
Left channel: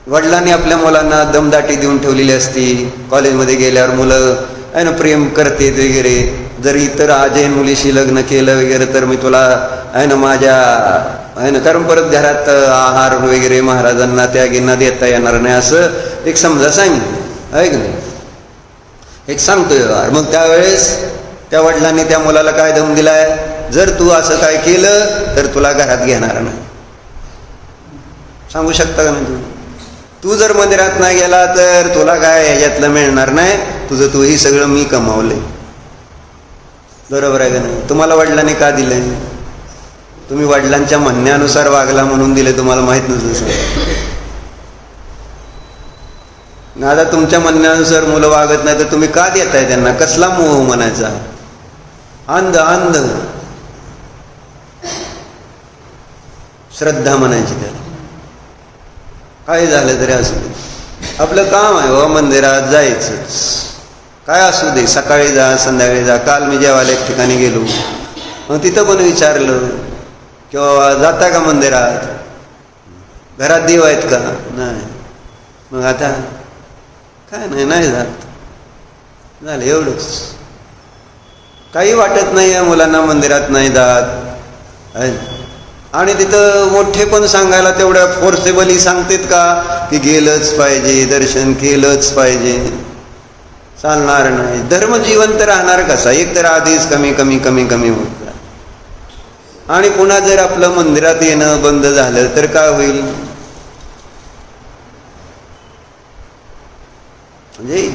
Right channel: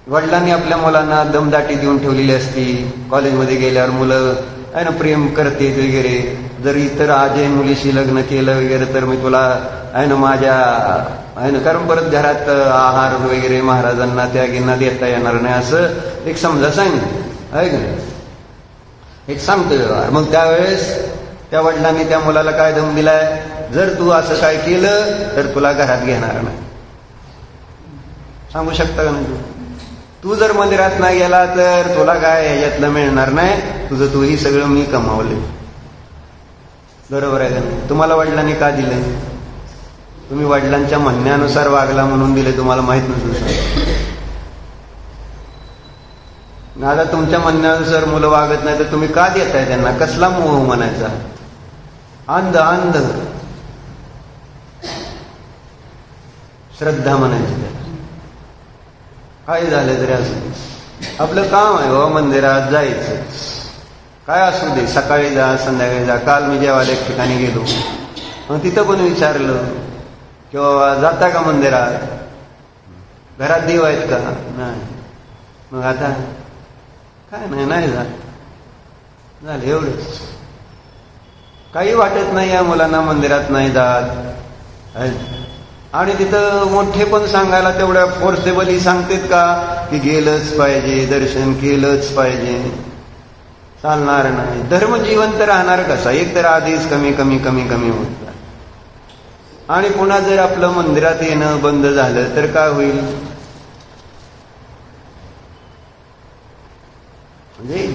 वडिलांनी आपल्या मुलांना दमदाटी देऊन ठेवलेली असती. कॉलेजमध्ये गेल्यावर मुलं आहे ना प्रेम करते वगैरे. जर इतर आजय मुलीशी लग्न केलं वगैरे तर मी तुला आहे ना माझ्या आहे ना, कारण परत घरात आहार वगैरे महाराजांना त्यागींना देता येणार नाही असं एक समजा सांग आहे का, एक सांगतोय. मग त्यावेळेस त्या वडिलांनी त्या मुलाला काय दम दिलाय, जर तू असं काय केलं तर तुला घरात घेणार नाही. सांगू शकता का नाही. तू जर मंदिरात नाही गेला तर तुला काय ह्याच्यातलं मिळणार नाही, तुझं तू ही सगळं मी कमावले. बरोबर आहे का नाही. तुम्हाला वडिलांनी का दिलंय, तुम्ही वडिलांच्या म्हणण्यानुसार वागला म्हणून दिले, तुम्हाला माहित नसतं. आता तुमच्या म्हणण्यानुसार मुलं वागत नाही तर तुम्ही का देताय त्यांना, कसला मोह म्हणायचा. अंध श्रद्धा म्हणायची त्याला. काय झालं तरी असू दे, आपलं काम आहे बाबा मंदिरात जायचंच. काय असू दे, सकाळी जा संध्याकाळी जा. काल मी जेवायला एक ठिकाणी गेलो, मग तिथं पण विचारलं किंवा जाता का मंदिरात, घरात देव आहेत का, नाही. मग आता काय नाही जात, झालं एवढंच. काही वाटत नाही या मुलांना मंदिरात नाही जात. आणि तिथं मोठे पण सांगायला तेवढ्या फोर्सेबली सांगतेत का की गेलंच पाहिजे, दर्शन केलंच पाहिजे. चालणार नाही. धर्म जिवंत राहणार कसा, एक तर आधीच कमी कमी कमी कमी होत, आणि पुन्हा जर आपलं मंदिरात येणं बंद झालं तर काय होईल. म्हणजे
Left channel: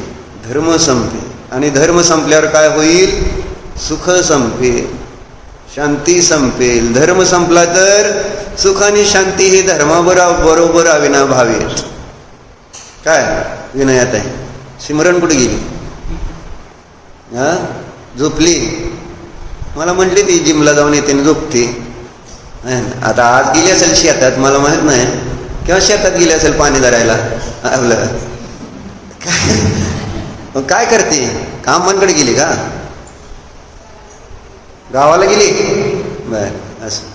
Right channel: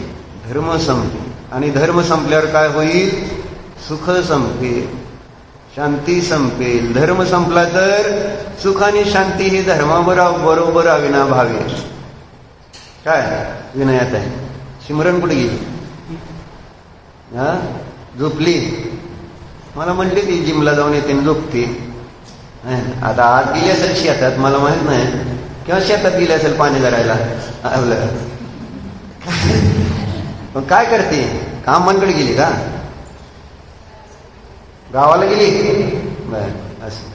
धर्म संपेल, आणि धर्म संपल्यावर काय होईल, सुख संपेल, शांती संपेल. धर्म संपला तर सुख आणि शांती हे धर्माबरोबर अविनाभावी आहेत. काय विनयात आहे. सिमरन कुठे गेली, झोपली. मला म्हटली ती जिमला जाऊन येते आणि झोपते. आता आज गेली असेल शेतात, मला माहित नाही, किंवा शेतात गेली असेल पाणी धरायला. काय करते, कामांकडे गेली का, गावाला गेली. बर, असं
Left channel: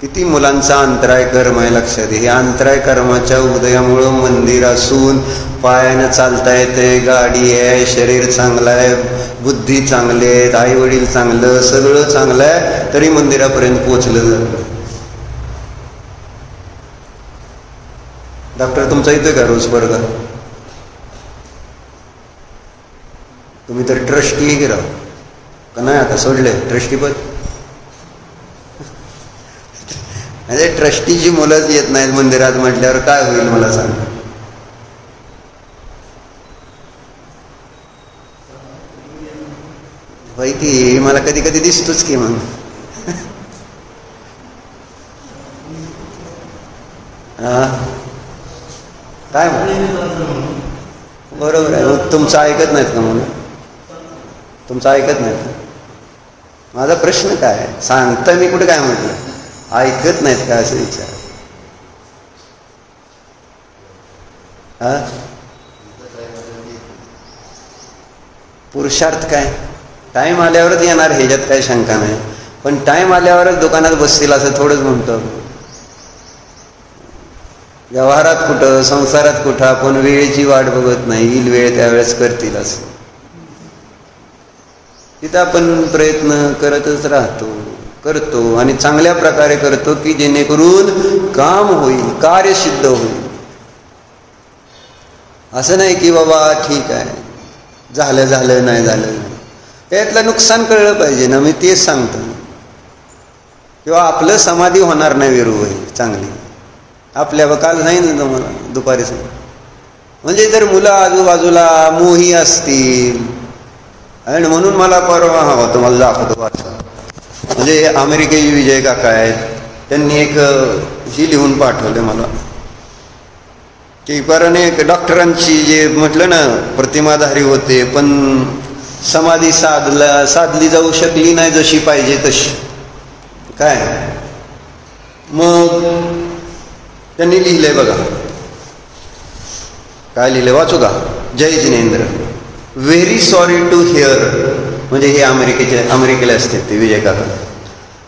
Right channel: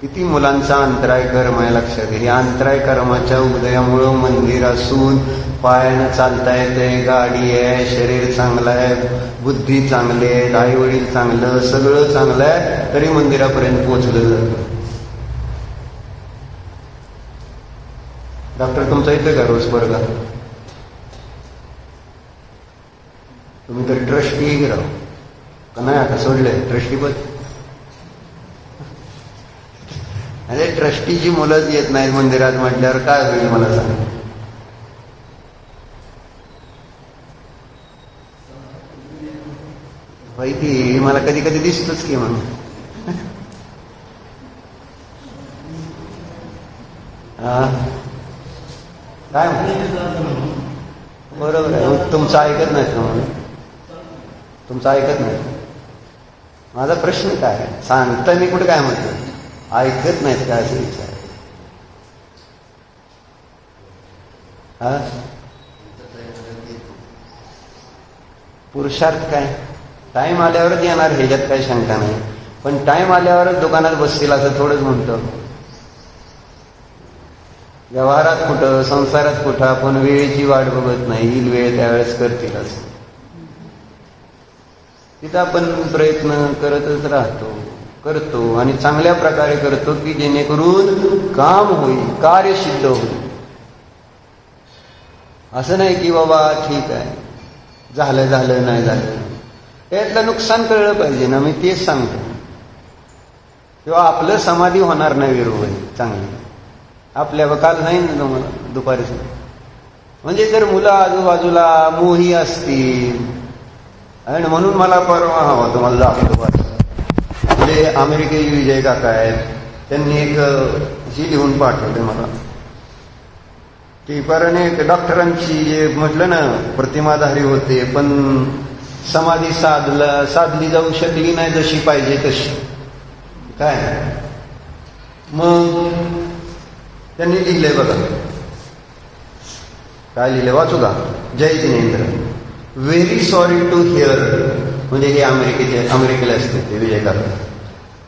किती मुलांचा अंतराय कर्म आहे, लक्षात. हे अंतराय कर्माच्या उदयामुळं मंदिर असून पायानं चालता येते, गाडी आहे, शरीर चांगलं आहे, बुद्धी चांगली आहे, आई वडील चांगलं, सगळं चांगलं आहे, तरी मंदिरापर्यंत पोचलं जातं. डॉक्टर तुमचा इथं का रोज बरोबर, तुम्ही तर ट्रस्टी गिरा का नाही, आता सोडले ट्रस्टीपद. अरे ट्रस्टीची मुलंच येत नाहीत मंदिरात म्हटल्यावर काय होईल मला सांग. माहिती मला कधी कधी दिसतोच की मग. काय बरोबर आहे. तुमचं ऐकत नाहीत का म्हणून, तुमचं ऐकत नाहीत. माझा प्रश्न काय सांगता, मी कुठे काय म्हणतो, ऐकत नाहीत का असं विचार. पुरुषार्थ काय, टाइम आल्यावरच येणार, ह्याच्यात काही शंका नाही. पण टाइम आल्यावरच दुकानात बसतील असं थोडंच म्हणतो. व्यवहारात कुठं, संसारात कुठं आपण वेळेची वाट बघत नाही, येईल वेळ त्यावेळेस करतील असं. तिथं आपण प्रयत्न करतच राहतो, करतो आणि चांगल्या प्रकारे करतो की जेणेकरून काम होईल, कार्य सिद्ध होईल. असं नाही की बाबा ठीक आहे, झालं नाही झालं, त्यातलं नुकसान कळलं पाहिजे ना. मी तेच सांगतो. किंवा आपलं समाधी होणार नाही विरोध चांगली आपल्या. काल नाही ना मला दुपारीच, म्हणजे जर मुलं आजूबाजूला मोही असतील आणि म्हणून मला परवा हवा तुम्हाला दाखवतो. म्हणजे अमेरिकेचे विजय काका आहेत, त्यांनी एक ही लिहून पाठवले मला की कारण एक डॉक्टरांची जे म्हटलं ना प्रतिमाधारी होते पण समाधी साधली जाऊ शकली नाही जशी पाहिजे तशी. काय मग त्यांनी लिहिलंय बघा, काय लिहिलंय वाचू का? जय जिनेंद्र. व्हेरी सॉरी टू हिअर, म्हणजे हे अमेरिकेला असते ते विजय काका.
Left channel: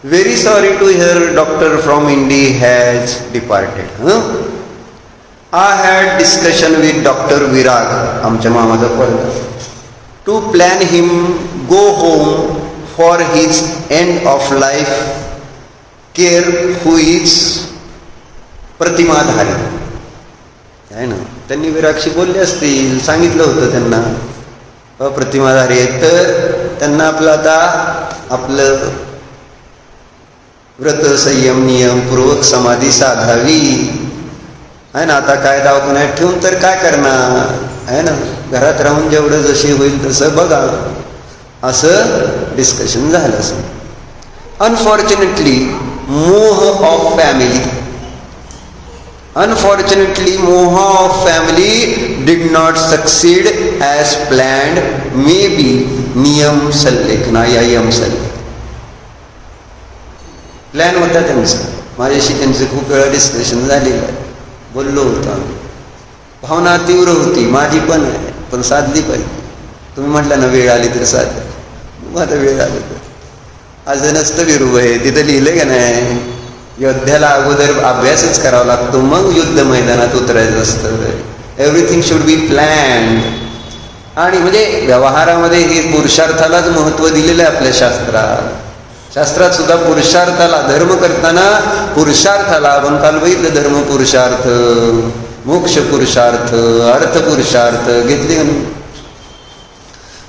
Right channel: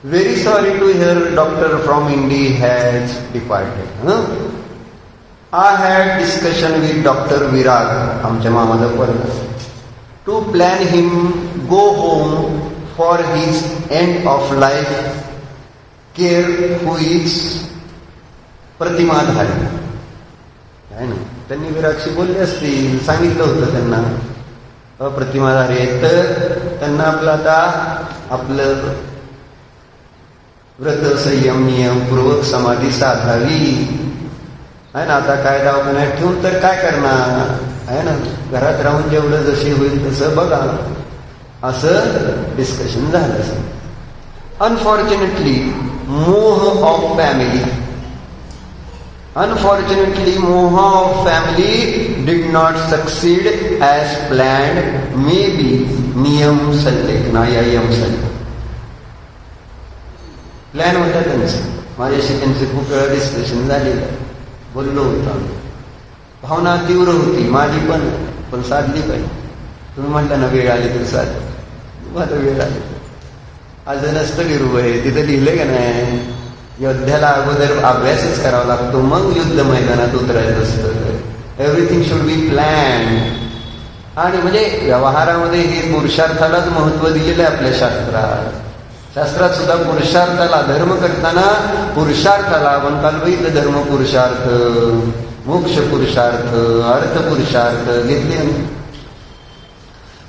Very sorry to hear doctor from India has departed. I had discussion with doctor Virag, आमच्या मामाचा पोरगा, to plan him go home for his end of life care who is प्रतिमाधारी. आहे ना, त्यांनी विरागशी बोलले असतील, सांगितलं होतं त्यांना प्रतिमाधारी आहेत तर त्यांना आपलं व्रत संयम नियम पूर्वक समाधी साधावी. आहे ना, आता काय दवाखान्यात ठेवून तर काय करणार आहे ना, घरात राहून जेवढं जशी होईल तसं बघा, असं डिस्कशन झालं असं. अनफॉर्च्युनेटली मोह of family did not succeed as planned. Maybe नियम सल्लेख ना या यम सल्लेख प्लॅन होता त्यांचा. माझ्याशी त्यांचे खूप वेळा डिस्कशन झालेलं आहे, बोललो होतो आम्ही. भावना तीव्र होती माझी पण साधली पाहिजे. तुम्ही म्हटलं ना वेळ आली तर साध, आता वेळ आली तर आज नसतं विरूप आहे तिथं लिहिलं का नाही. योद्ध्याला अगोदर अभ्यासच करावा लागतो, मग युद्ध मैदानात उतरायचं असतं. Everything should be planned. आणि म्हणजे व्यवहारामध्ये हे पुरुषार्थालाच महत्व दिलेलं आहे आपल्या शास्त्रात सुद्धा पुरुषार्थाला, धर्म करताना पुरुषार्थाला आपण काल बघितलं, धर्म पुरुषार्थ, मोक्ष पुरुषार्थ, अर्थ पुरुषार्थ घेतले.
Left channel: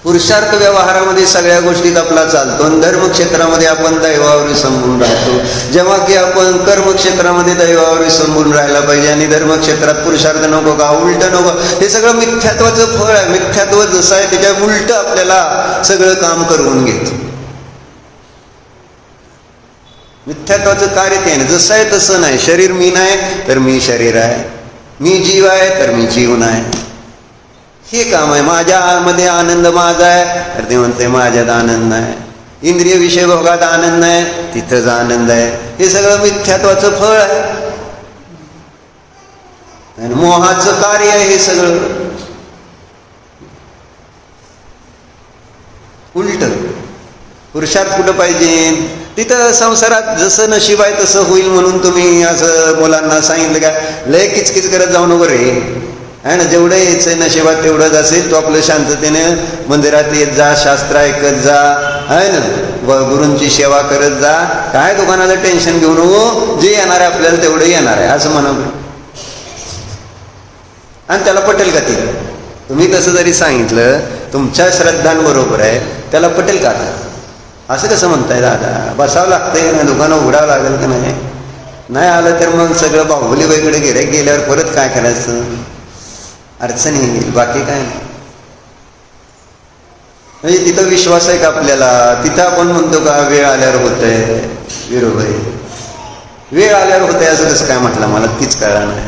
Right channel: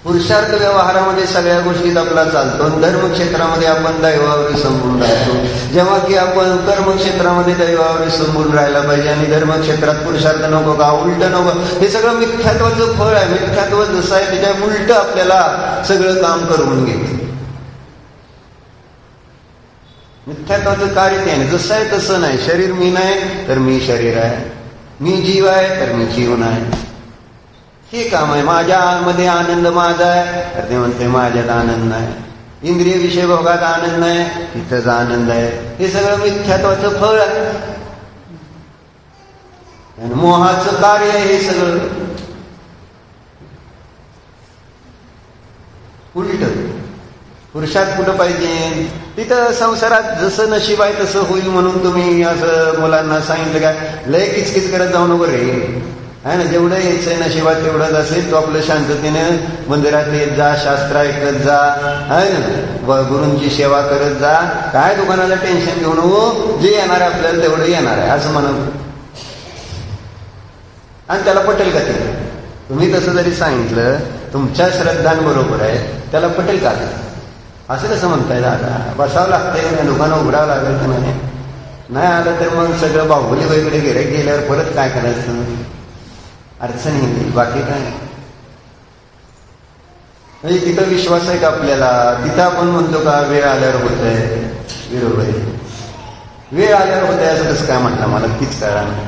पुरुषार्थ व्यवहारामध्ये सगळ्या गोष्टीत आपला चालतो आणि धर्मक्षेत्रामध्ये आपण दैवावर विसंबून राहतो. जेव्हा की आपण कर्मक्षेत्रामध्ये दैवावर विसंबून राहायला पाहिजे आणि धर्मक्षेत्रात पुरुषार्थ नको का, उलट नको. हे सगळं मिथ्यात्वाचं फळ आहे. मिथ्यात्व जसं आहे त्याच्या उलट आपल्याला सगळं काम करून घेत. मिथ्यात्वाचं कार्य ते आहे, जसं आहे तसं नाही. शरीर मी नाही तर मी शरीर आहे, मी जीव आहे तर मी जीव नाही, हे काम आहे. माझ्यामध्ये आनंद माझा आहे तर ते म्हणते माझ्यात आनंद नाही. इंद्रिय विषय भोगात आनंद नाही, तिथंच आनंद आहे. हे सगळं मिथ्यात्वाचं फळ आहे, मोहाचं कार्य आहे. हे सगळं उलट. पुरुषार्थ कुठं पाहिजे तिथं संसारात जसं नशीब आहे तसं होईल म्हणून तुम्ही असं मुलांना सांगितलं का लय किचकिच करत जाऊ नको रे, आहे ना. जेवढं यायचं नशिबात तेवढंच असेल. तो आपलं शांततेने मंदिरात येत जा, शास्त्र ऐकत जा, आहे ना, गुरूंची सेवा करत जा. काय दुकानाला टेन्शन घेऊ नको, जे येणार आहे आपल्याला तेवढं येणार आहे असं म्हणा. आणि त्याला पटेल का ते? तुम्ही तसं जरी सांगितलं तुमच्या श्रद्धांबरोबर आहे, त्याला पटेल का? असं कसं म्हणताय दादा? बसावं लागतंय ना, दुकानं उघडावं लागेल का नाही आलं तर मग सगळं बाहुली वेगळे गेल्यावर परत काय करायचं, अडचण येईल. बाकी काय म्हणजे तिथं विश्वास आहे का आपल्याला? तिथं आपण म्हणतो का वेळ आल्यावर होतंय, विरोध आहे. वेळ आल्यावर होतंय असं कसं काय म्हटलं, मला तीच कळलं नाही.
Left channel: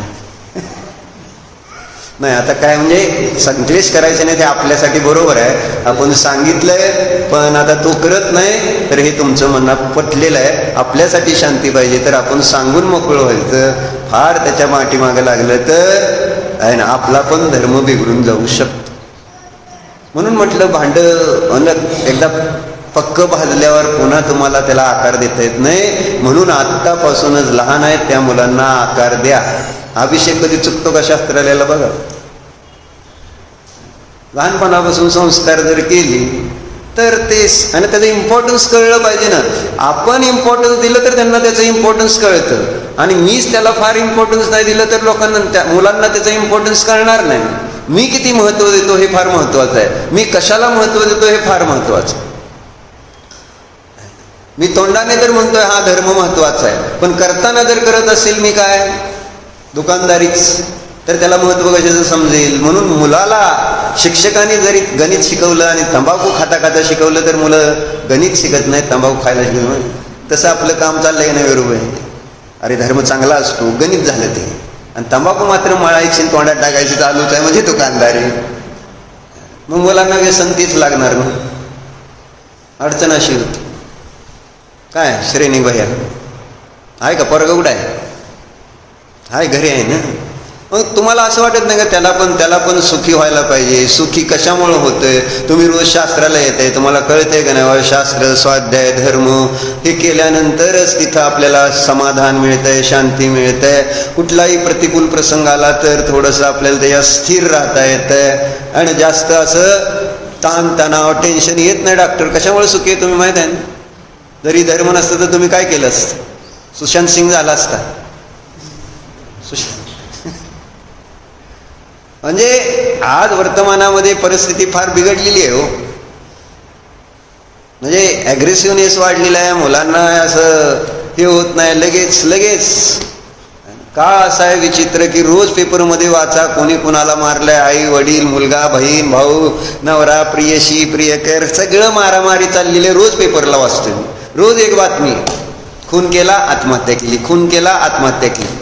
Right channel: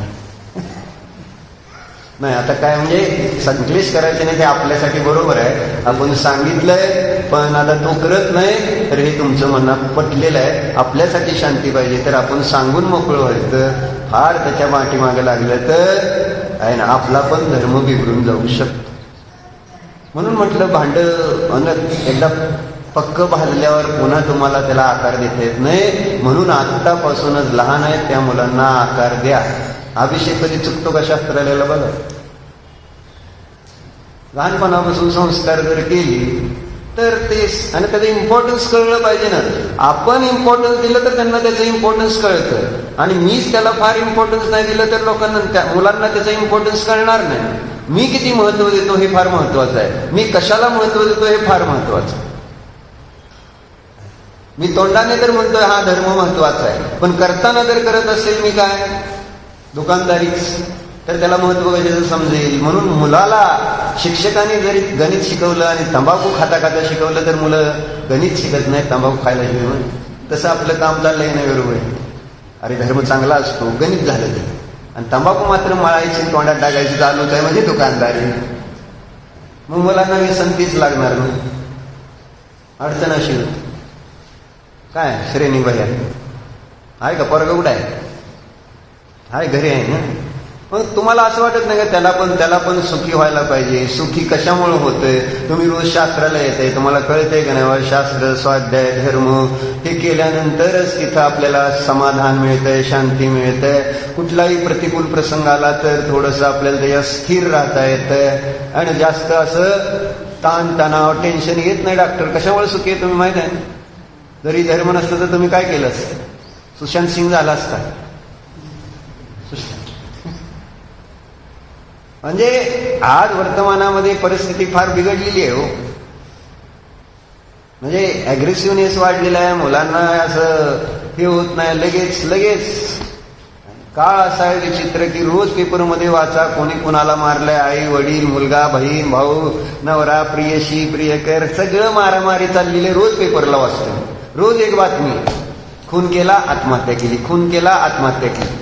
नाही आता काय म्हणजे संक्लेश करायचे नाही, ते आपल्यासाठी बरोबर आहे. आपण सांगितलंय पण आता तो करत नाही तर हे तुमचं मनात पटलेलं आहे. आपल्यासाठी शांती पाहिजे तर आपण सांगून मोकळं व्हायचं. फार त्याच्या पाठीमागं लागलं तर आहे ना आपला पण धर्म बिघडून जाऊ शकतो. म्हणून म्हटलं भांड एकदा पक्क भाजल्यावर पुन्हा तुम्हाला त्याला आकार देता येत नाही. म्हणून आत्तापासूनच लहान आहेत त्या मुलांना आकार द्या. अभिषेक कधी चुकतो का शास्त्राला? बघा, लहानपणापासून संस्कार जर केली तर तेच, आणि त्याचं इम्पॉर्टन्स कळलं पाहिजे ना. आपण इम्पॉर्टन्स दिलं तर त्यांना त्याचं इम्पॉर्टन्स कळतं, आणि मीच त्याला फार इम्पॉर्टन्स नाही दिलं तर लोकांना, मुलांना त्याचं इम्पॉर्टन्स कळणार नाही. मी किती महत्व देतो हे फार महत्वाचं आहे, मी कशाला महत्व देतो हे फार महत्वाचं. मी तोंडाने तर म्हणतोय हा धर्म महत्वाचा आहे, पण करताना जर करत असेल मी काय दुकानदारीच, तर त्याला महत्व कशाचं समजेल. म्हणून मुलाला शिक्षकांनी जरी गणित शिकवलं आणि तंबाखू खाता खाता शिकवलं तर मुलं गणित शिकत नाही, तंबाखू खायला शिकवलं. तसं आपलं काम चाललंय ना बरोबर. अरे धर्म चांगला असतो, गणित झालं ते, आणि तंबाखू मात्र मळायची तोंडात टाकायची चालूच आहे म्हणजे दुकानदारी. मग मुलांना व्यसन तीच लागणार. मग अडचण अशी होती. काय श्रेणी भैया आहे का? पोरगं कुठं आहे? हाय घरी आहे ना. मग तुम्हाला असं वाटत नाही का त्याला पण सुखी व्हायला पाहिजे? सुखी कशामुळे होतंय? तुम्ही रोज शास्त्राला येते, तुम्हाला कळतंय का नाही शास्त्र, स्वाध्याय, धर्म हे केल्यानंतरच तिथं आपल्याला समाधान मिळतंय, शांती मिळतंय. कुठलाही प्रतिकूल प्रसंग आला तर थोडंसं आपल्याला त्याच्यात स्थिर राहता येतंय, आणि जास्त असं ताणतणाव टेन्शन येत नाही. डॉक्टर कशामुळे सुखी आहे तुम्ही माहित आहे ना? जरी धर्म नसतं तर तुम्ही काय केलं असतं? सुशांत सिंग झाला असता. म्हणजे आज वर्तमानामध्ये परिस्थिती फार बिघडलेली आहे हो. म्हणजे ॲग्रेसिव्हनेस वाढलेला आहे, मुलांना असं हे होत नाही लगेच. का असं आहे विचित्र की रोज पेपरमध्ये वाचा कोणी कुणाला मारलंय, आई वडील, मुलगा, बहीण, भाऊ, नवरा, प्रियशी, प्रियकर, सगळं मारामारी चाललेली रोज पेपरला वाचतोय. रोज एक बातमी, खून केला आत्महत्या केली, खून केला आत्महत्या केली.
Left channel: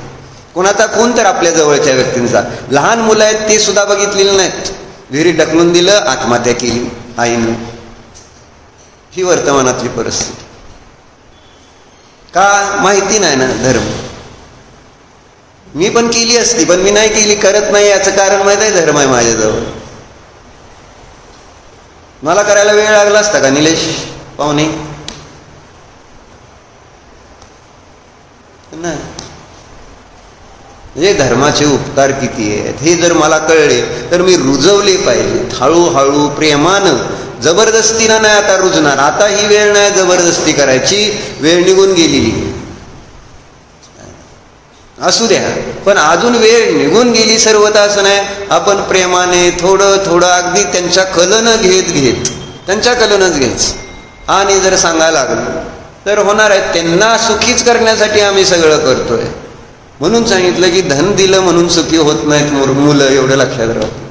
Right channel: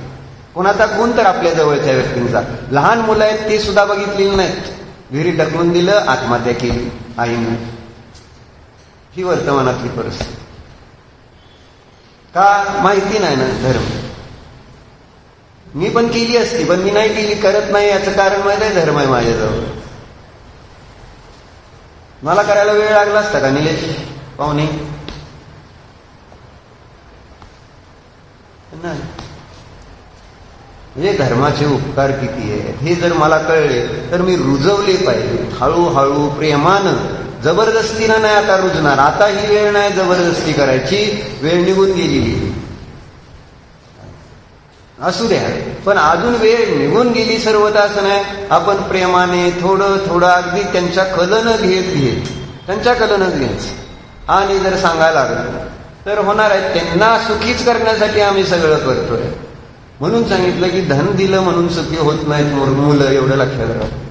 कोणाचा खून तर आपल्या जवळच्या व्यक्तींचा. लहान मुलं आहेत ते सुद्धा बघितलेली नाहीत, विहिरीत ढकलून दिलं आत्महत्या केली आईनं. ही वर्तमानातली परिस्थिती. का? माहिती नाही ना धर्म. मी पण केली असती, पण मी नाही केली, करत नाही. याचं कारण माहित आहे? धर्म आहे माझ्याजवळ. मला करायला वेळ लागला असता का निलेश पाहुणे? नाही. म्हणजे धर्माचे उपकार किती आहेत हे जर मला कळले तर मी रुजवले पाहिजे हळूहळू, प्रेमानं. जबरदस्तीनं नाही आता रुजणार. आता ही वेळ नाही जबरदस्ती करायची, वेळ निघून गेलेली. असू द्या, पण अजून वेळ निघून गेली सर्वता असं नाही. आपण प्रेमाने थोडं अगदी त्यांच्या कलनं घेत त्यांच्या कलनच घ्यायचं, आणि जर सांगायला लागलो तर होणार आहे. त्यांना सुखीच करण्यासाठी आम्ही सगळं करतोय. म्हणून सांगितलं की धन दिलं म्हणून सुखी होत नाहीत मुलं, एवढं लक्षात राहतं.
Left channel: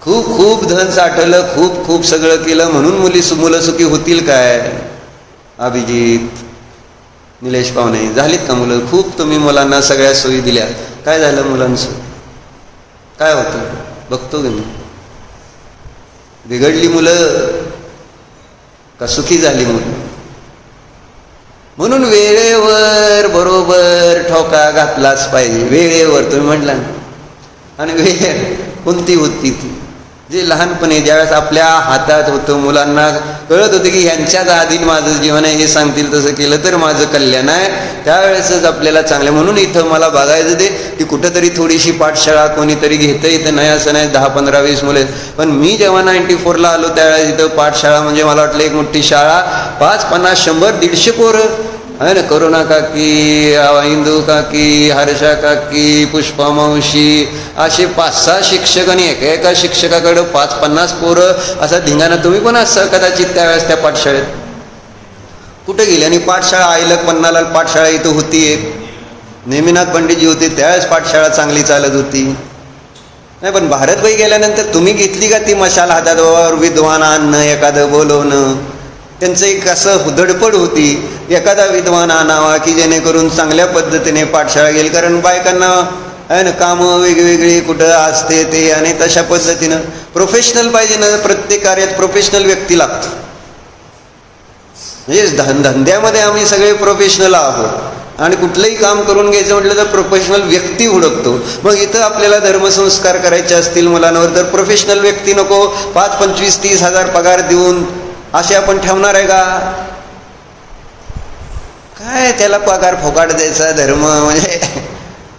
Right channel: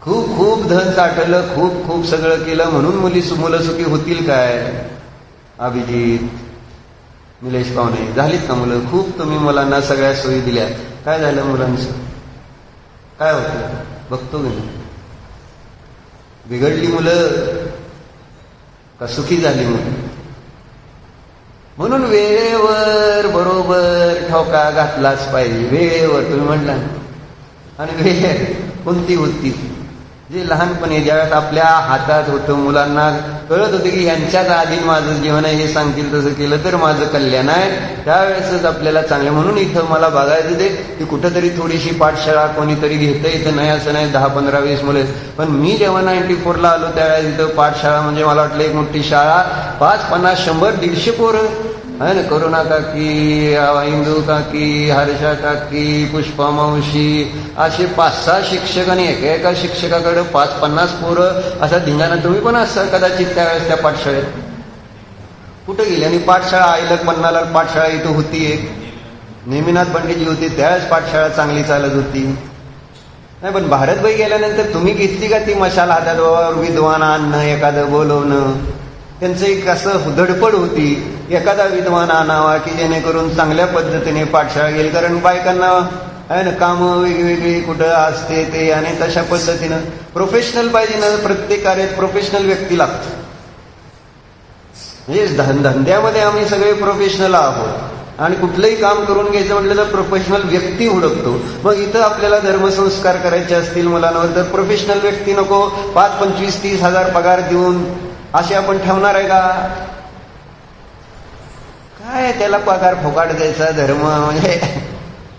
खूप धन साठवलं, खूप सगळं केलं म्हणून मुलं सुखी होतील काय? अभिजित, निलेश पाहुणे, झालीत का मुलं? खूप तुम्ही मुलांना सगळ्या सोयी दिल्या, काय झालं मुलांचं? काय होतं बघतो की मी? बिघडली मुलं का सुखी झाली मुलं? म्हणून वेळेवर बरोबर ठोका घातलाच पाहिजे. वेळेवर तुम्ही म्हटला ना, आणि वेळ कोणती होती ती जे लहानपणी ज्यावेळेस आपल्या हातात होतं, मुलांना कळत होतं की ह्यांच्याच आधी माझं जीवन आहे, हे सांगतील तसं केलं तर माझं कल्याण आहे, त्यावेळेसच आपल्याला चांगलं. म्हणून इथं मला बघायचं ते की कुठंतरी थोडीशी पाठशाळा कोणीतरी घेतं. इथं नाही असं नाही, 10, 15, 20 मुले. पण मी जेव्हा 94ला आलो त्यावेळेस इथं पाठशाळा म्हणजे मला वाटलं एक मोठी शाळा, 5, 50, 100, 150 पोरं आहे ना. करुणा काकी, इंदू काकी, हर्षा काकी, पुष्पा मावशी, असे 5-6 शिक्षक, आणि एका शिक्षकाकडं 5-50 पोरं, असा धिंगाणा. तुम्ही पण असं कदाचित त्यावेळेस त्या पाठशाळेत कुठे गेले? आणि पाठशाळा आईलक पन्नाला पाठशाळा इथं होती, नेमिनाथ पंडितजी होते त्यावेळेस पाठशाळा चांगली चालत होती. नाही, पण भारतभाई गेल्यानंतर तुम्ही घेतली का ती मशाल हातात, विद्वान आणणं, एखादं बोलवणं? त्यांचं एक असं धडपड होती, एखादा विद्वान आणावा की जेणेकरून चांगल्या पद्धतीने पाठशाळा गेली. कारण बायकांना आहे ना कामं वेगवेगळी कुठं असते ते, आणि तशा पद्धतीनं प्रोफेशनल पाहिजे ना. प्रत्येक कार्यात प्रोफेशनल व्यक्ती लागतो. म्हणजे धंद्यामध्ये आम्ही सगळे प्रोफेशनल आहोत, आणि कुठलंही काम करून घ्यायचं म्हटलं तर प्रोफेशनल व्यक्ती हुडकतो. मग इथं आपल्याला धर्मसंस्कार करायचे असतील मुलांवर तर प्रोफेशनल व्यक्ती नको. 5, 25, 30 हजार पगार देऊन असे आपण ठेवणार आहे का? काय त्याला पगार फोकाट द्यायचा धर्म? म्हणजे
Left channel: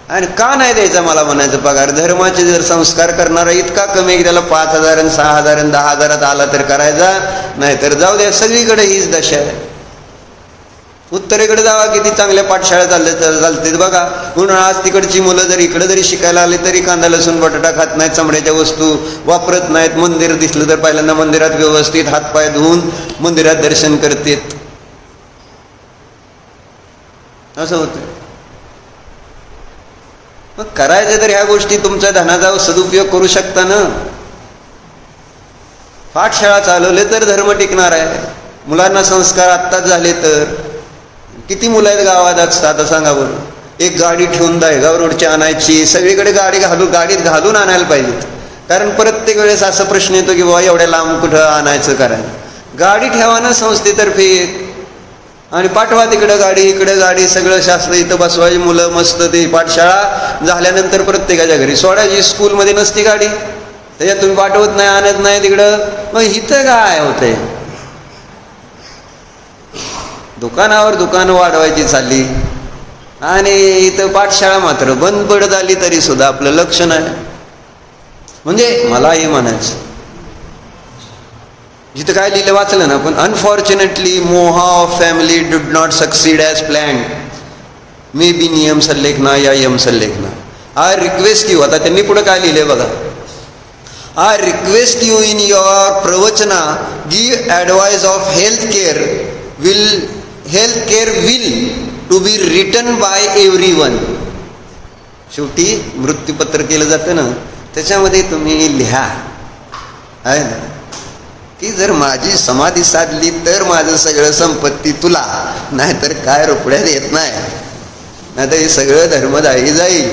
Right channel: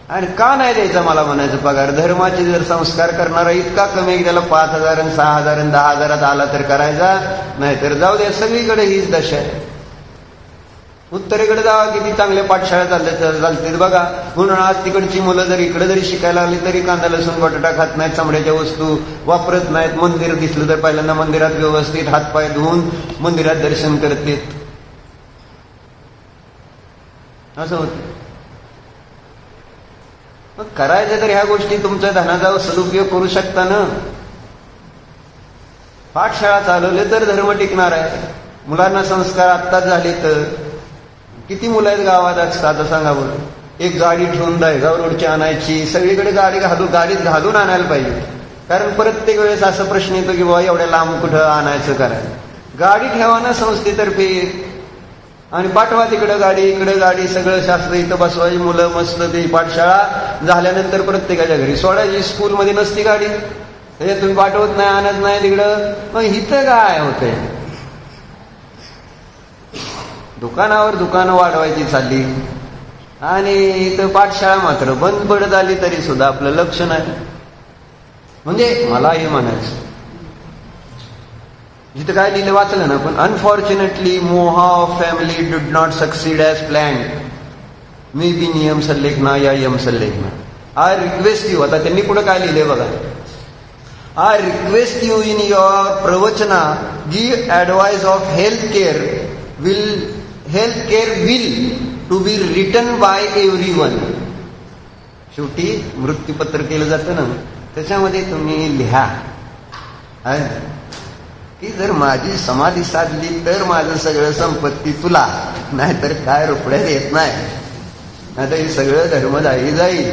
आणि का नाही द्यायचा मला म्हणायचं पगार? धर्माचे जर संस्कार करणारा इतका कमी की त्याला 5,000 आणि 6,000 आणि 10,000 आला तर करायचा, नाहीतर जाऊ द्या. सगळीकडे हीच दशा आहे. उत्तरेकडे जावा, किती चांगल्या पाठशाळा चालते बघा. म्हणून आज तिकडची मुलं जर इकडे जरी शिकायला आली तरी कांदा लसूण बटाटा खात नाहीत, चमड्याच्या वस्तू वापरत नाहीत. मंदिर दिसलं तर पहिल्यांदा मंदिरात व्यवस्थित हातपाय धुवून मंदिरात दर्शन करतात. असं होतं. मग करायचं तर ह्या गोष्टी तुमच्या धनाचा सदुपयोग करू शकता ना. पाठशाळा चालवले तर धर्म टिकणार आहे. मुलांना संस्कार आत्ताच झाले तर. किती मुलं आहेत गावात असतात सांगा बरं. एक गाडी ठेवून दहेगाव रोडची आणायची, सगळीकडे गाडीत घालून आणायला पाहिजेत. कारण प्रत्येक वेळेस असा प्रश्न येतो की बाबा एवढ्या लांब कुठं आणायचं करायला. गाडी ठेवा ना संस्थेतर्फे आणि पाठवा तिकडं गाडी, इकडं गाडी, सगळं शास्त्र इथं बसवायची. मुलं मस्त ती पाठशाळा झाल्यानंतर प्रत्येकाच्या घरी सोडायची. स्कूलमध्ये नसती गाडी, त्याच्यात तुम्ही पाठवत नाही, आणत नाही तिकडं. मग इथं काय होतंय? दुकानावर दुकानं वाढवायची चालली आणि इथं पाठशाळा मात्र बंद पडत आली तरी सुद्धा आपलं लक्ष नाही. म्हणजे मला हे म्हणायचं, जिथं काय लिहिलं वाचलं ना, पण अनफॉर्च्युनेटली मोहा of family did not succeed as planned. May be नियम सल्लेख ना या यम सल्लेख ना. आय रिक्वेस्ट यू, आता त्यांनी पुढे काय लिहिलंय बघा. I request you in your प्रवचना give advice of health care will to be written by everyone. शेवटी मृत्यूपत्र केलं जातं ना, त्याच्यामध्ये तुम्ही लिहा आहे ना की जर माझी समाधी साधली तर माझं सगळं संपत्ती तुला, नाहीतर काय रुपड्यात येत नाही, नाहीतर हे सगळं धर्मदायी जाईल.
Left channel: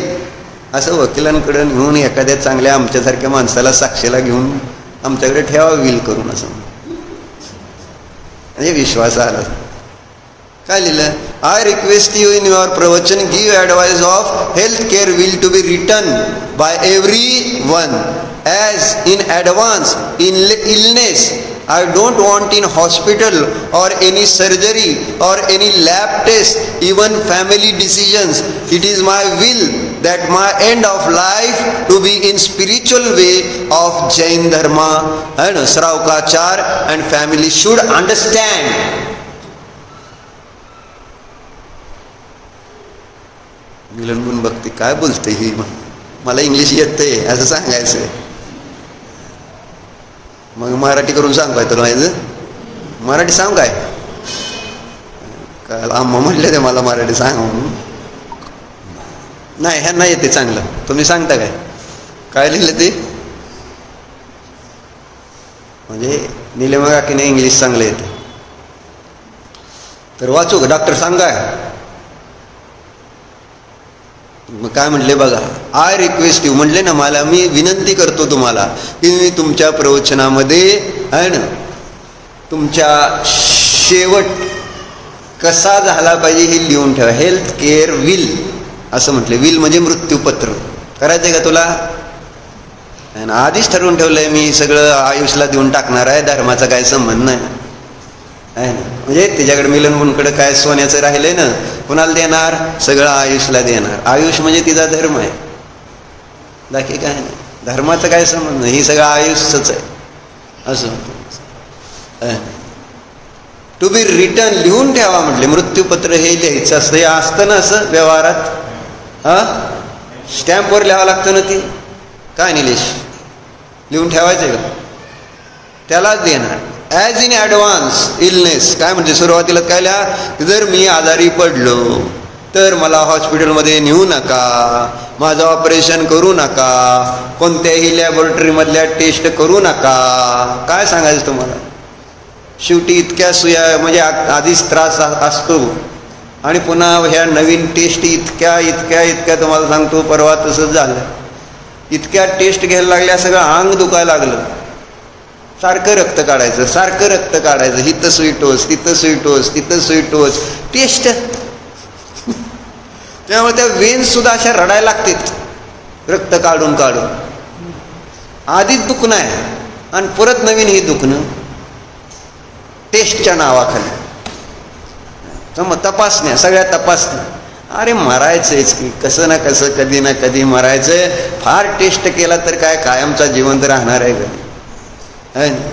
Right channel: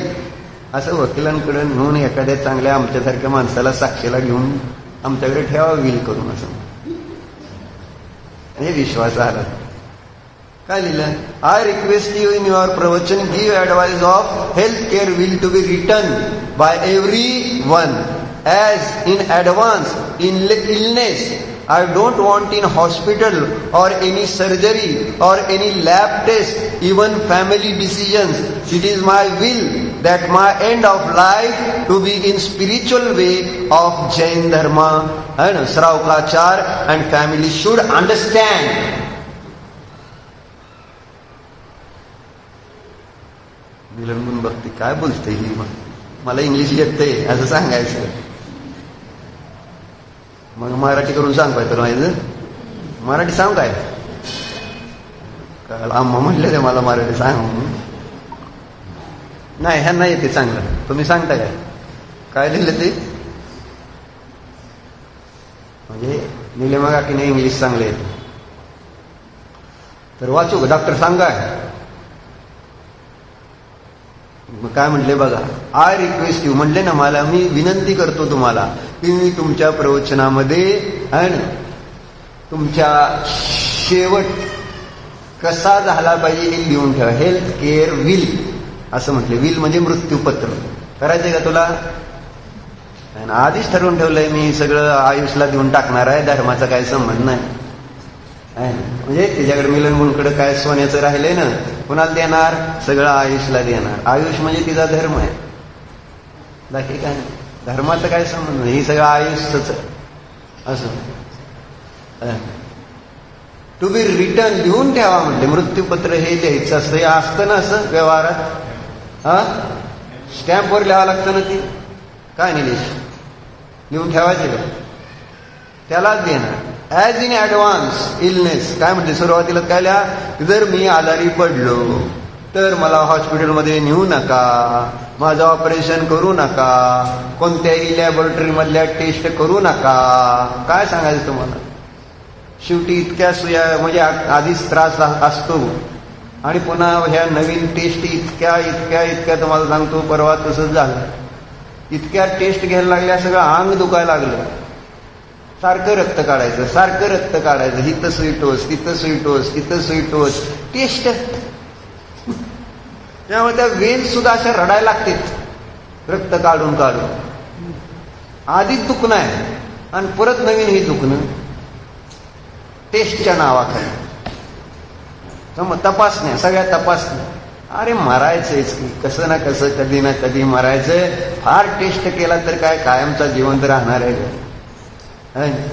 असं वकिलांकडे घेऊन एखाद्या चांगल्या आमच्यासारख्या माणसाला साक्षीला घेऊन आमच्याकडे ठेवा विल करून, असं म्हणजे विश्वास आला. काय लिहिलं? I request you in your प्रवचन give advice of health care will to be written by everyone as in advance in illness. I don't want in hospital or any surgery or any lab test, even family decisions. It is my will that my end of life to be in spiritual way of Jain dharma and Sravkachar and family should understand. मिलन भक्ती काय बोलते ही, मला इंग्लिश येतंय असं सांगायचं. मग मराठी करून सांग काय तुला माहिती? मराठी सांग काय? काय आम्हा म्हणले ते मला मराठी सांग. नाही ह्यांना येते चांगलं, तुम्ही सांगता काय? काय लिहिलं ते? म्हणजे निलेमा काकीने इंग्लिश चांगलं येते तर वाचू का? डॉक्टर सांगाय. मग काय म्हणले बघा. आय रिक्वेस्ट यू म्हणले ना, मला मी विनंती करतो तुम्हाला की मी तुमच्या प्रवचनामध्ये आहे ना तुमच्या शेवट कसा झाला पाहिजे हे लिहून ठेवा. हेल्थ केअर विल असं म्हटले. विल म्हणजे मृत्यूपत्र. करायचंय का तुला? आधीच ठरवून ठेवलंय मी सगळं आयुषला देऊन टाकणार आहे, धर्माचा काय संबंध नाही आहे ना. म्हणजे त्याच्याकडे मिलन मुलकडे काय सोन्याचं राहिलंय ना, कुणाला देणार? सगळं आयुषला देणार. आयुष म्हणजे तिचा धर्म आहे, बाकी काय नाही. धर्माचं काय संबंध? ही सगळं आयुषच आहे असं. टू बी रिटर्न लिहून ठेवा म्हटले. मृत्यूपत्र हे लिहायचं असतं. हे असतं ना असं व्यवहारात, हा स्टॅम्पवर लिहावं लागतं ना. ते काय निलेश लिहून ठेवायचं का? त्यालाच देणार. As in advance illness. काय म्हणजे सुरुवातीला काय लिहा? जर मी आजारी पडलो तर मला हॉस्पिटलमध्ये नेऊ नका, माझं ऑपरेशन करू नका, कोणत्याही लॅबोरेटरीमधल्या टेस्ट करू नका. काय सांगायचं तुम्हाला? शेवटी इतक्या सुया म्हणजे आधीच त्रास असतो आणि पुन्हा ह्या नवीन टेस्ट इतक्या तुम्हाला सांगतो. परवा तसंच झालं. इतक्या टेस्ट घ्यायला लागल्या, सगळं अंग दुखायला लागलं. सारखं रक्त काढायचं. हिथं सुई टोच, तिथं सुई टोच, तिथं सुई टोच, टेस्ट. त्यामुळे त्या वेन्स सुद्धा अशा रडायला लागतात रक्त काढून. आधीच दुखणं आहे आणि परत नवीन हे दुखणं टेस्टच्या नावाखाली. मग तपासण्या, सगळ्या तपासण्या. अरे मरायचंच की, कसं ना कसं कधी ना कधी मरायचंय. फार टेस्ट केला तर काय कायमचा जिवंत राहणार आहे कधी.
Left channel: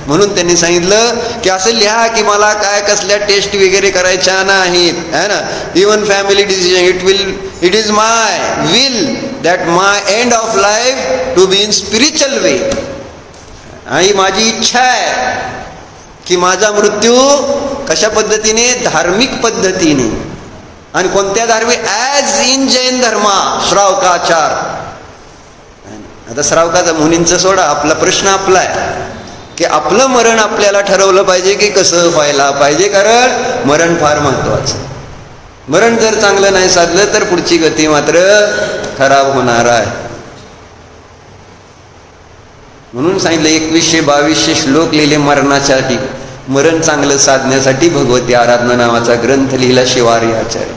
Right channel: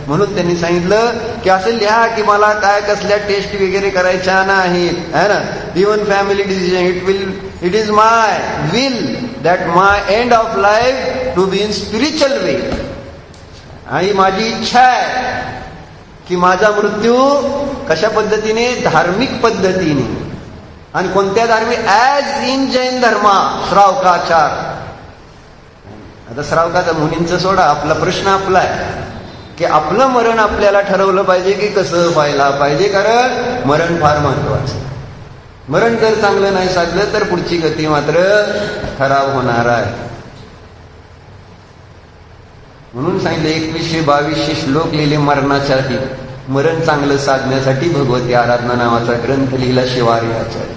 म्हणून त्यांनी सांगितलं की असं लिहा की मला काय कसल्या टेस्ट वगैरे करायच्या नाहीत, है ना. Even family decision, it is my will that my end of life to be in spiritual way. आणि माझी इच्छा आहे की माझा मृत्यू कशा पद्धतीने, धार्मिक पद्धतीने. आणि कोणत्या धार्मिक, ॲज इन जैन धर्मा श्रावकाचार. आता श्रावकाचा मुनींचं सोडा, आपला प्रश्न आपला आहे की आपलं मरण आपल्याला ठरवलं पाहिजे की कसं व्हायला पाहिजे. कारण मरण फार महत्वाचं. मरण जर चांगलं नाही साधलं तर पुढची गती मात्र खराब होणार आहे. म्हणून सांगितलं 2122 श्लोक लिहिले मरणासाठी, मरण चांगलं साधण्यासाठी भगवती आराधना नावाचा ग्रंथ लिहिला शिवारी आचार्य.